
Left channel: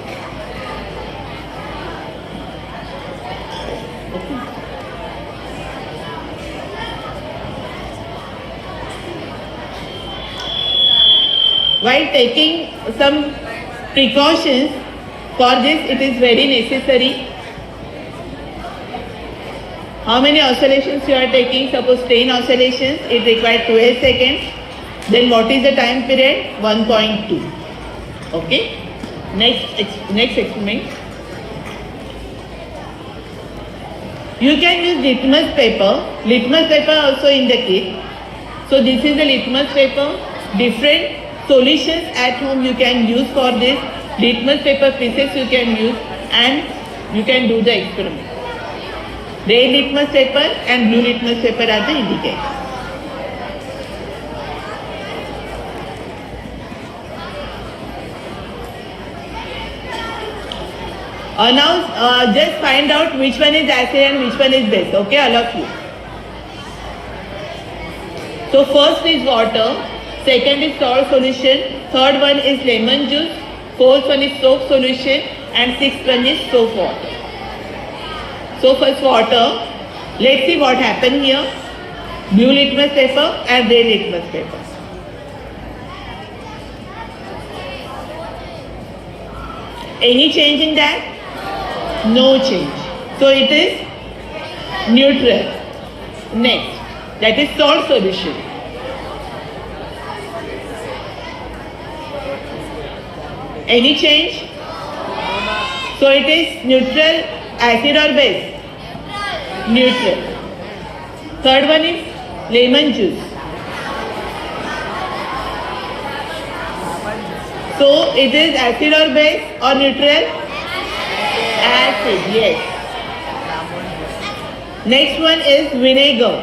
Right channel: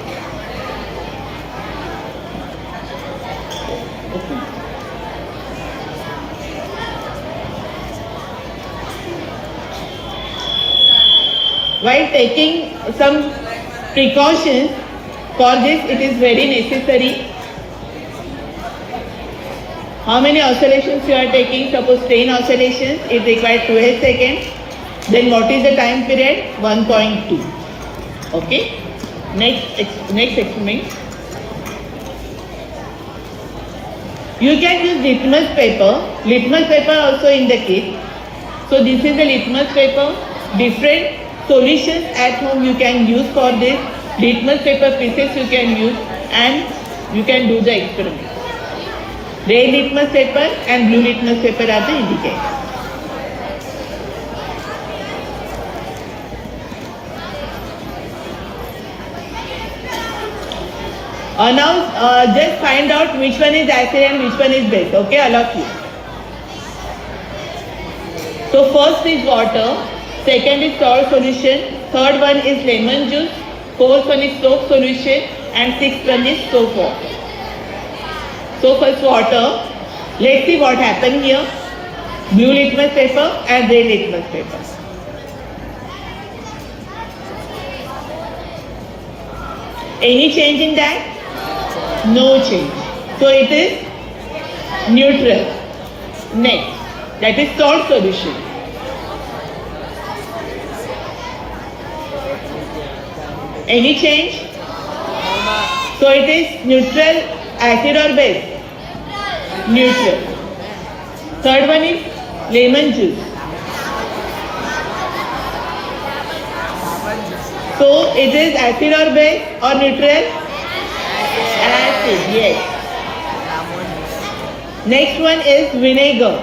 While taking some precautions, for this it is very necessary. How many oscillations you are taking? Suppose 10 oscillations, it requires 12 seconds. Then what is the time period? 1.2. Okay. Next experiment. You can use litmus paper. Litmus paper also in the kit. So this is the litmus paper. Different solutions at home you can use for this. Litmus paper pieces you can use and you can do the experiment. Red litmus paper and blue litmus paper are the indicators. Now just find out which one is acid and which one is base. Okay, all of you. So first is water. Second is salt solution, third one is lemon juice, fourth one is soap solution, and sixth one is soap water. So first water, let's see what happened here. Blue litmus paper and red litmus paper. Any change in that? No change. So it is neutral. Next, that is salt solution. Any change? So it is neutral, acid or base? Neutral. Third one is lemon juice. So it is acid or base or neutral? Acid, yes. Next one is vinegar.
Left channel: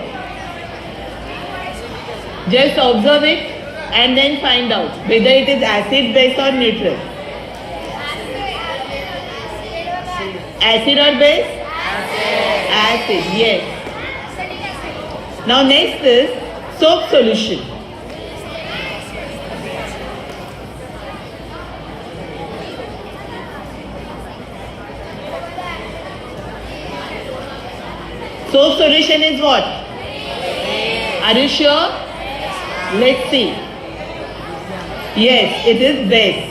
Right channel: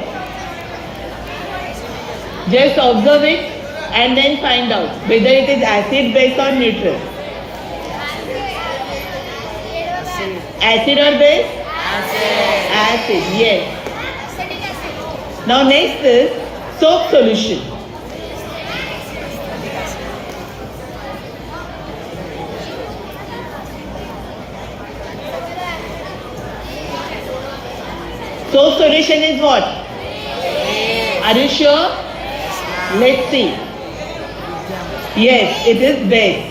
Just observe it and then find out whether it is acid, base or neutral. Acid or base? Acid, yes. Now next is soap solution. Soap solution is what? Are you sure? Let's see. Yes, it is base.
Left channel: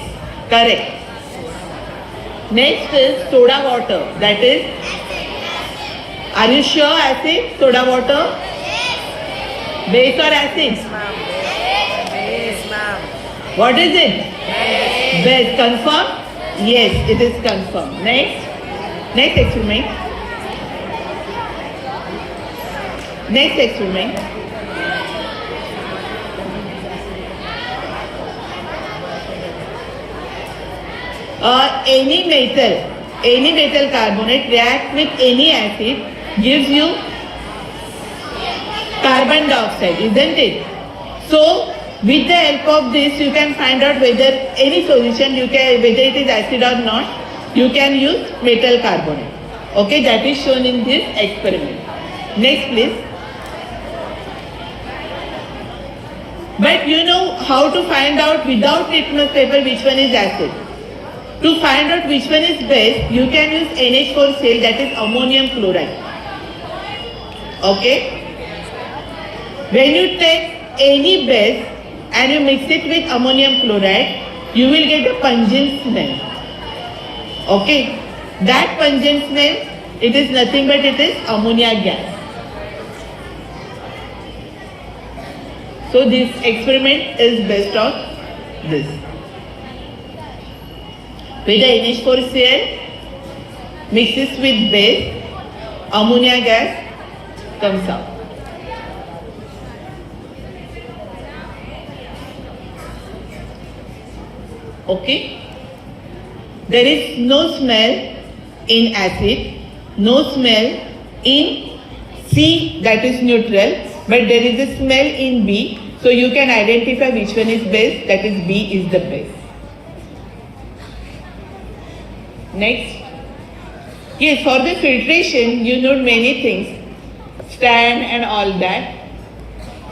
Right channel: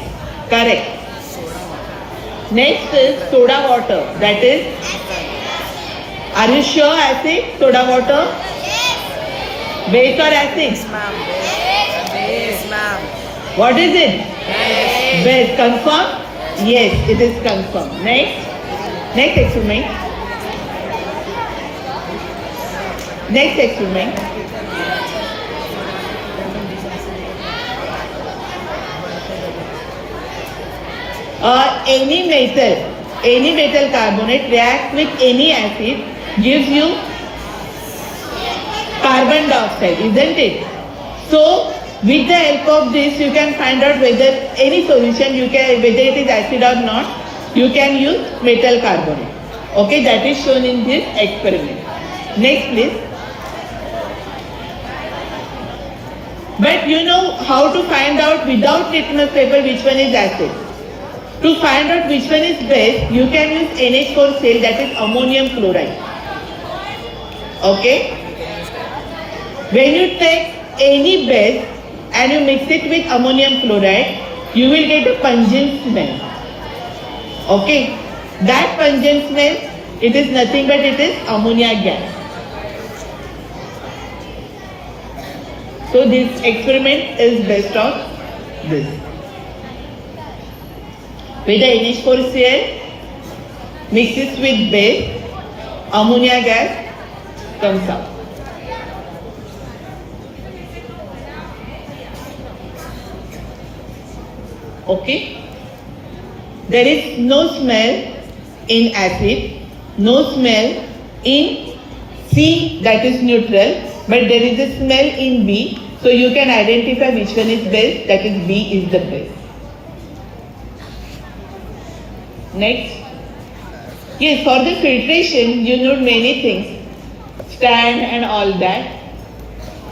Correct. Next is soda water. That is, are you sure acid? Soda water? Base or acid? What is it? Base. Confirm? Yes, it is confirmed. Next experiment. Next experiment. Any metal carbonate reacts with any acid, gives you carbon dioxide, isn't it? So with the help of this you can find out whether any solution whether it is acid or not, you can use metal carbonate. Okay, that is shown in this experiment. Next please. But you know how to find out without litmus paper which one is acid. To find out which one is base, you can use NH4Cl, that is ammonium chloride. Okay? When you take any base and you mix it with ammonium chloride, you will get a pungent smell. Okay? That pungent smell, it is nothing but it is ammonia gas. So this experiment is based on this. With the NH4Cl mixes with base, ammonia gas comes out. Okay? There is no smell in acid, no smell in C, that is neutral, but there is a smell in B, so you can identify which one is base, that is B is the base. Next. Yes, for the filtration, you need many things, stand and all that.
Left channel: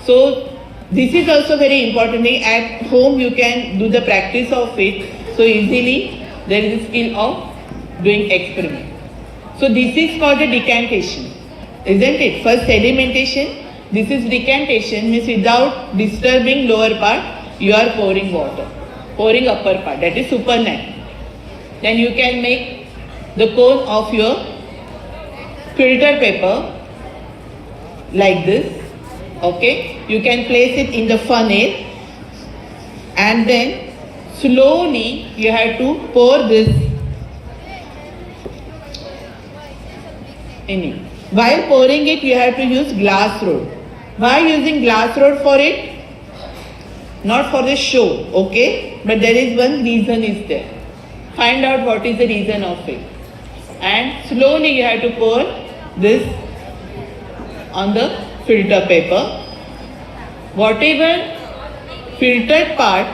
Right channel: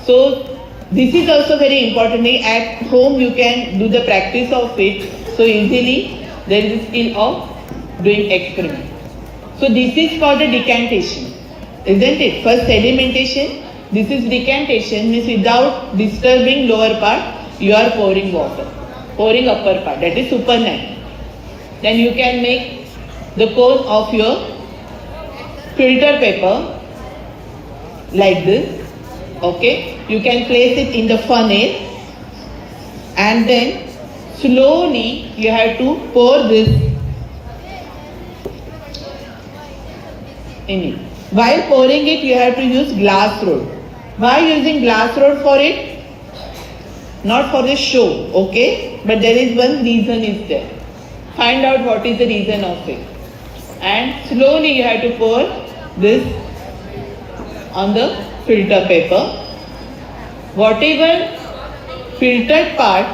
So this is also very important thing. At home you can do the practice of it, so easily there is a skill of doing experiment. So this is for the decantation, isn't it? First sedimentation, this is decantation, means without disturbing lower part, you are pouring water, pouring upper part, that is supernat. Then you can make the cone of your filter paper like this. Okay, you can place it in the funnel and then slowly you have to pour this in it. While pouring it, you have to use glass rod. Why using glass rod for it? Not for the show, okay? But there is one reason is there. Find out what is the reason of it. And slowly you have to pour this on the filter paper. Whatever filtered part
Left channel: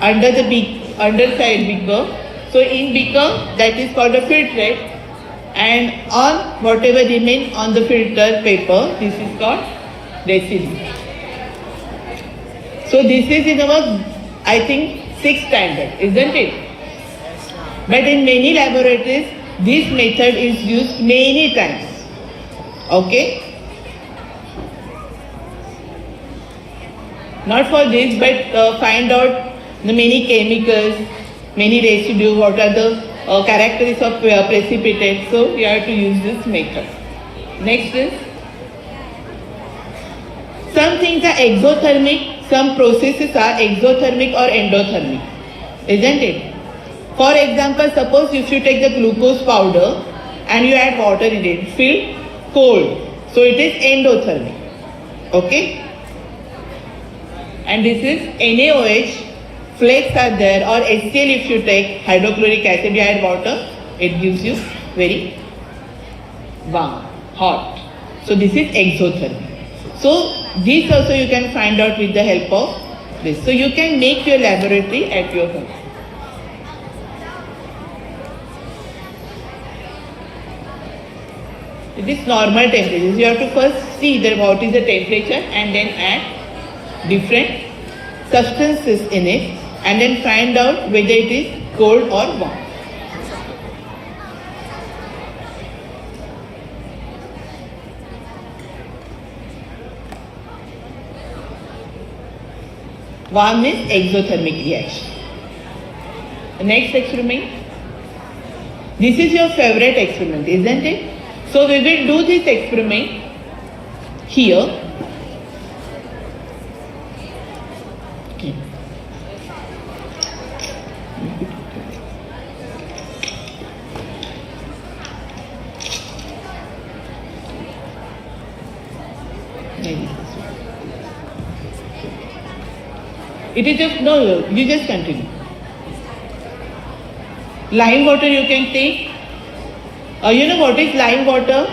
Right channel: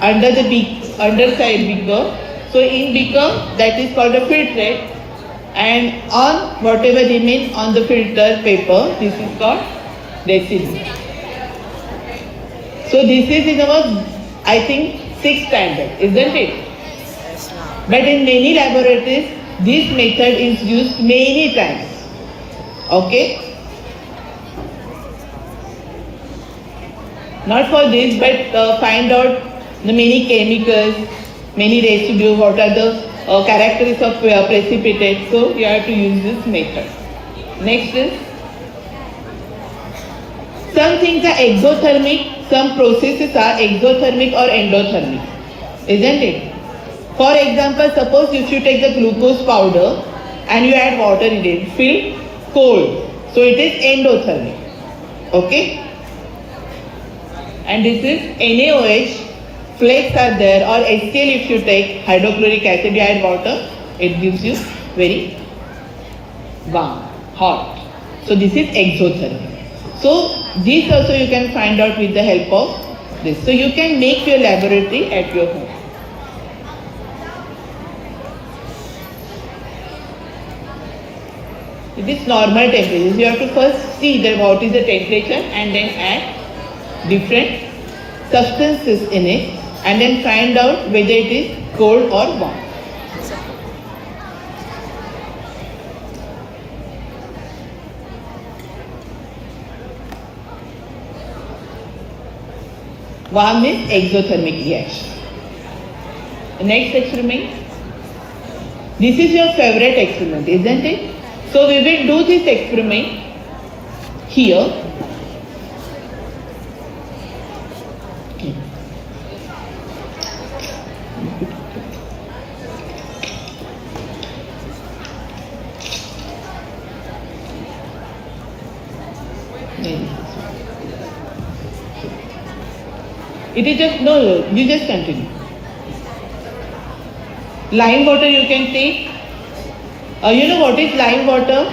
under the underside beaker, so in beaker that is called a filtrate, and on whatever remain on the filter paper, this is called deciliter. So this is in our, I think, 6th standard, isn't it? But in many laboratories, this method is used many times. Okay? Not for this, but find out the many chemicals, many residue, what are the characteristics of precipitate. So you have to use this method. Next is, some things are exothermic, some processes are exothermic or endothermic, isn't it? For example, suppose if you take the glucose powder and you add water in it, feel cold, so it is endothermic. Okay? And this is NaOH, flakes are there, or HCl if you take hydrochloric acid, you add water, it gives you very warm, hot. So this is exothermic. So this also you can find out with the help of this. So you can make your laboratory at your home. It is normal temperature. You have to first see that what is the temperature and then add different substances in it and then find out whether it is cold or warm. Warm is exothermic reaction. The next experiment. This is your favorite experiment, isn't it? So we will do this experiment here. Okay. It is just, no, you just continue. Lime water you can take. You know what is lime water?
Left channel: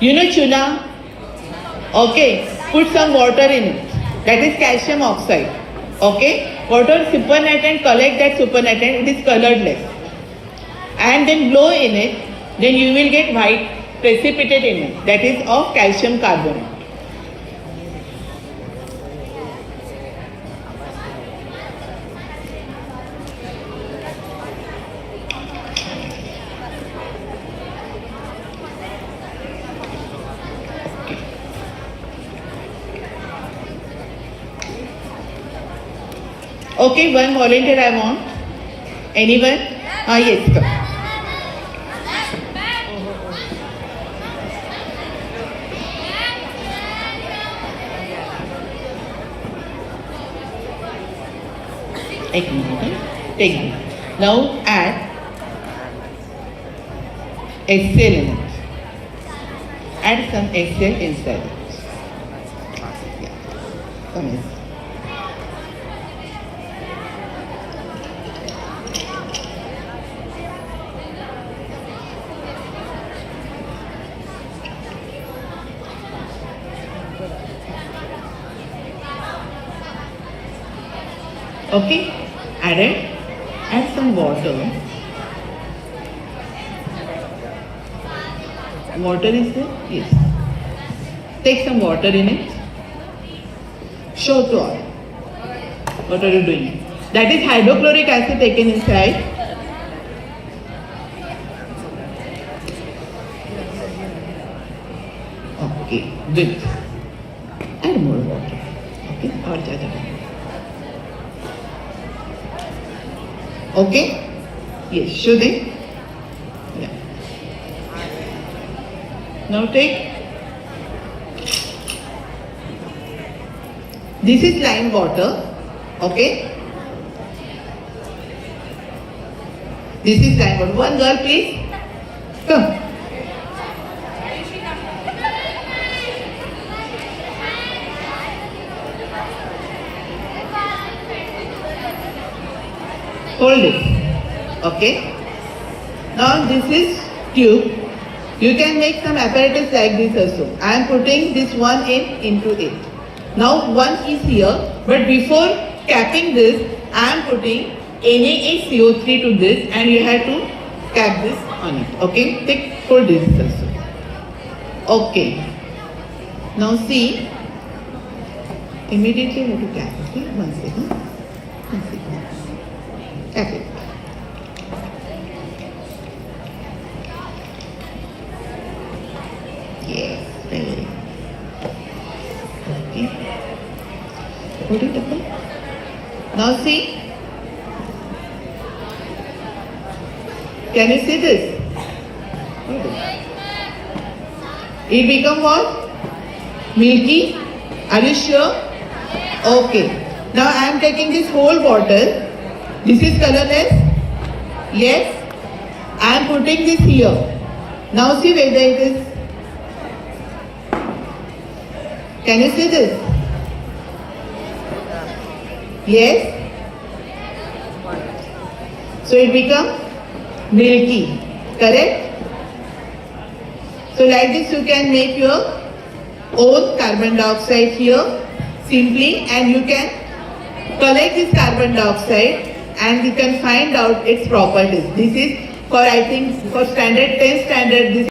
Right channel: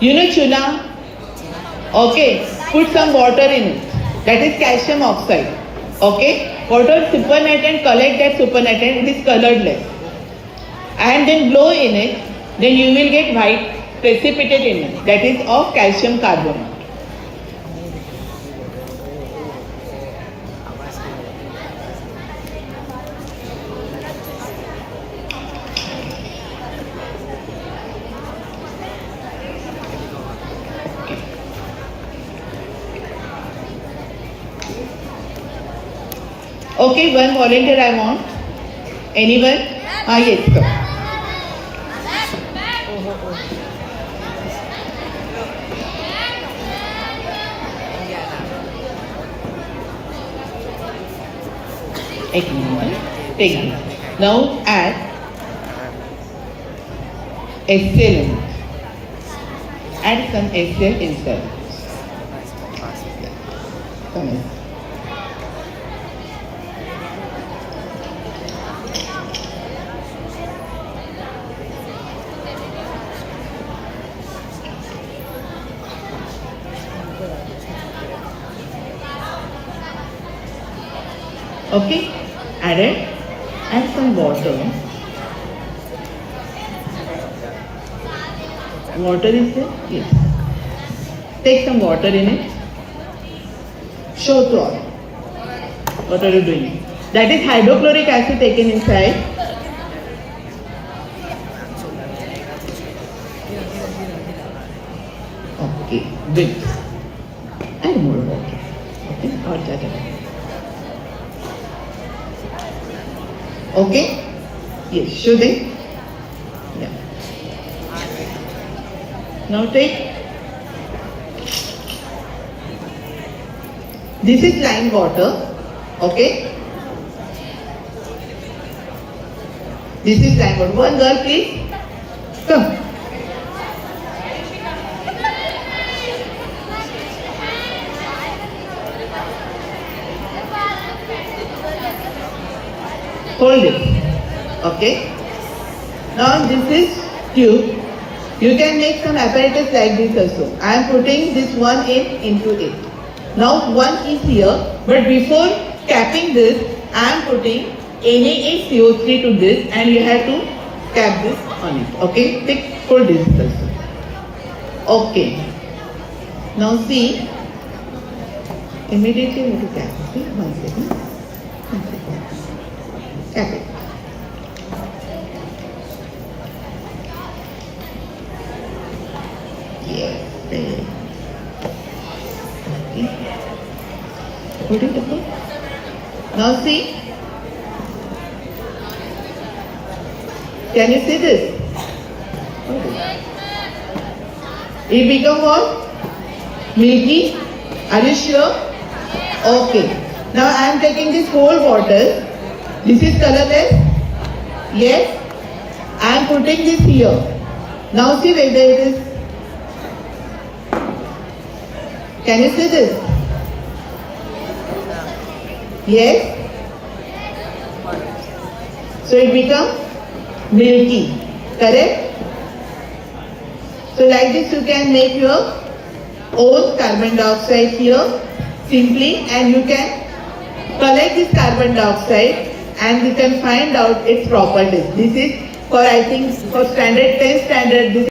You know tuna? Okay, put some water in it. That is calcium oxide. Okay, water supernatant, collect that supernatant, it is colorless. And then blow in it, then you will get white precipitate in it. That is of calcium carbonate. Okay, one volunteer I want. Anyone? Ah, yes, sir. एक minute. Take it. Now add excellent. Add some excel inside. Come in. Okay, add some water. Water is there? Yes. Take some water in it. Show to all. What are you doing? That is hydrochloric acid taken inside. Okay, good. And more water. Okay, और ज़्यादा. Okay? Yes, should they? Yeah. Now take. This is lime water. Okay? This is lime water. One girl, please. Come. Hold it. Okay. Now this is tube. You can make some apparatus like this also. I am putting this one into it. Now one is here, but before capping this, I am putting NaCO3 to this, and you have to cap this on it. Okay. Take hold this also. Okay. Now see. Immediately you have to cap. Okay. One second. One second. Cap it. Yes. Okay. Put it up there. Now see. Can you see this? It become what? Milky. Are you sure? Okay. Now I am taking this whole bottle. This is colorless? Yes. I am putting this here. Now see whether it is. Can you see this? Yes. So it becomes milky. Correct? So like this you can make your own carbon dioxide here simply, and you can collect this carbon dioxide and you can find out its properties. This is for, I think, for standard 10 standard. This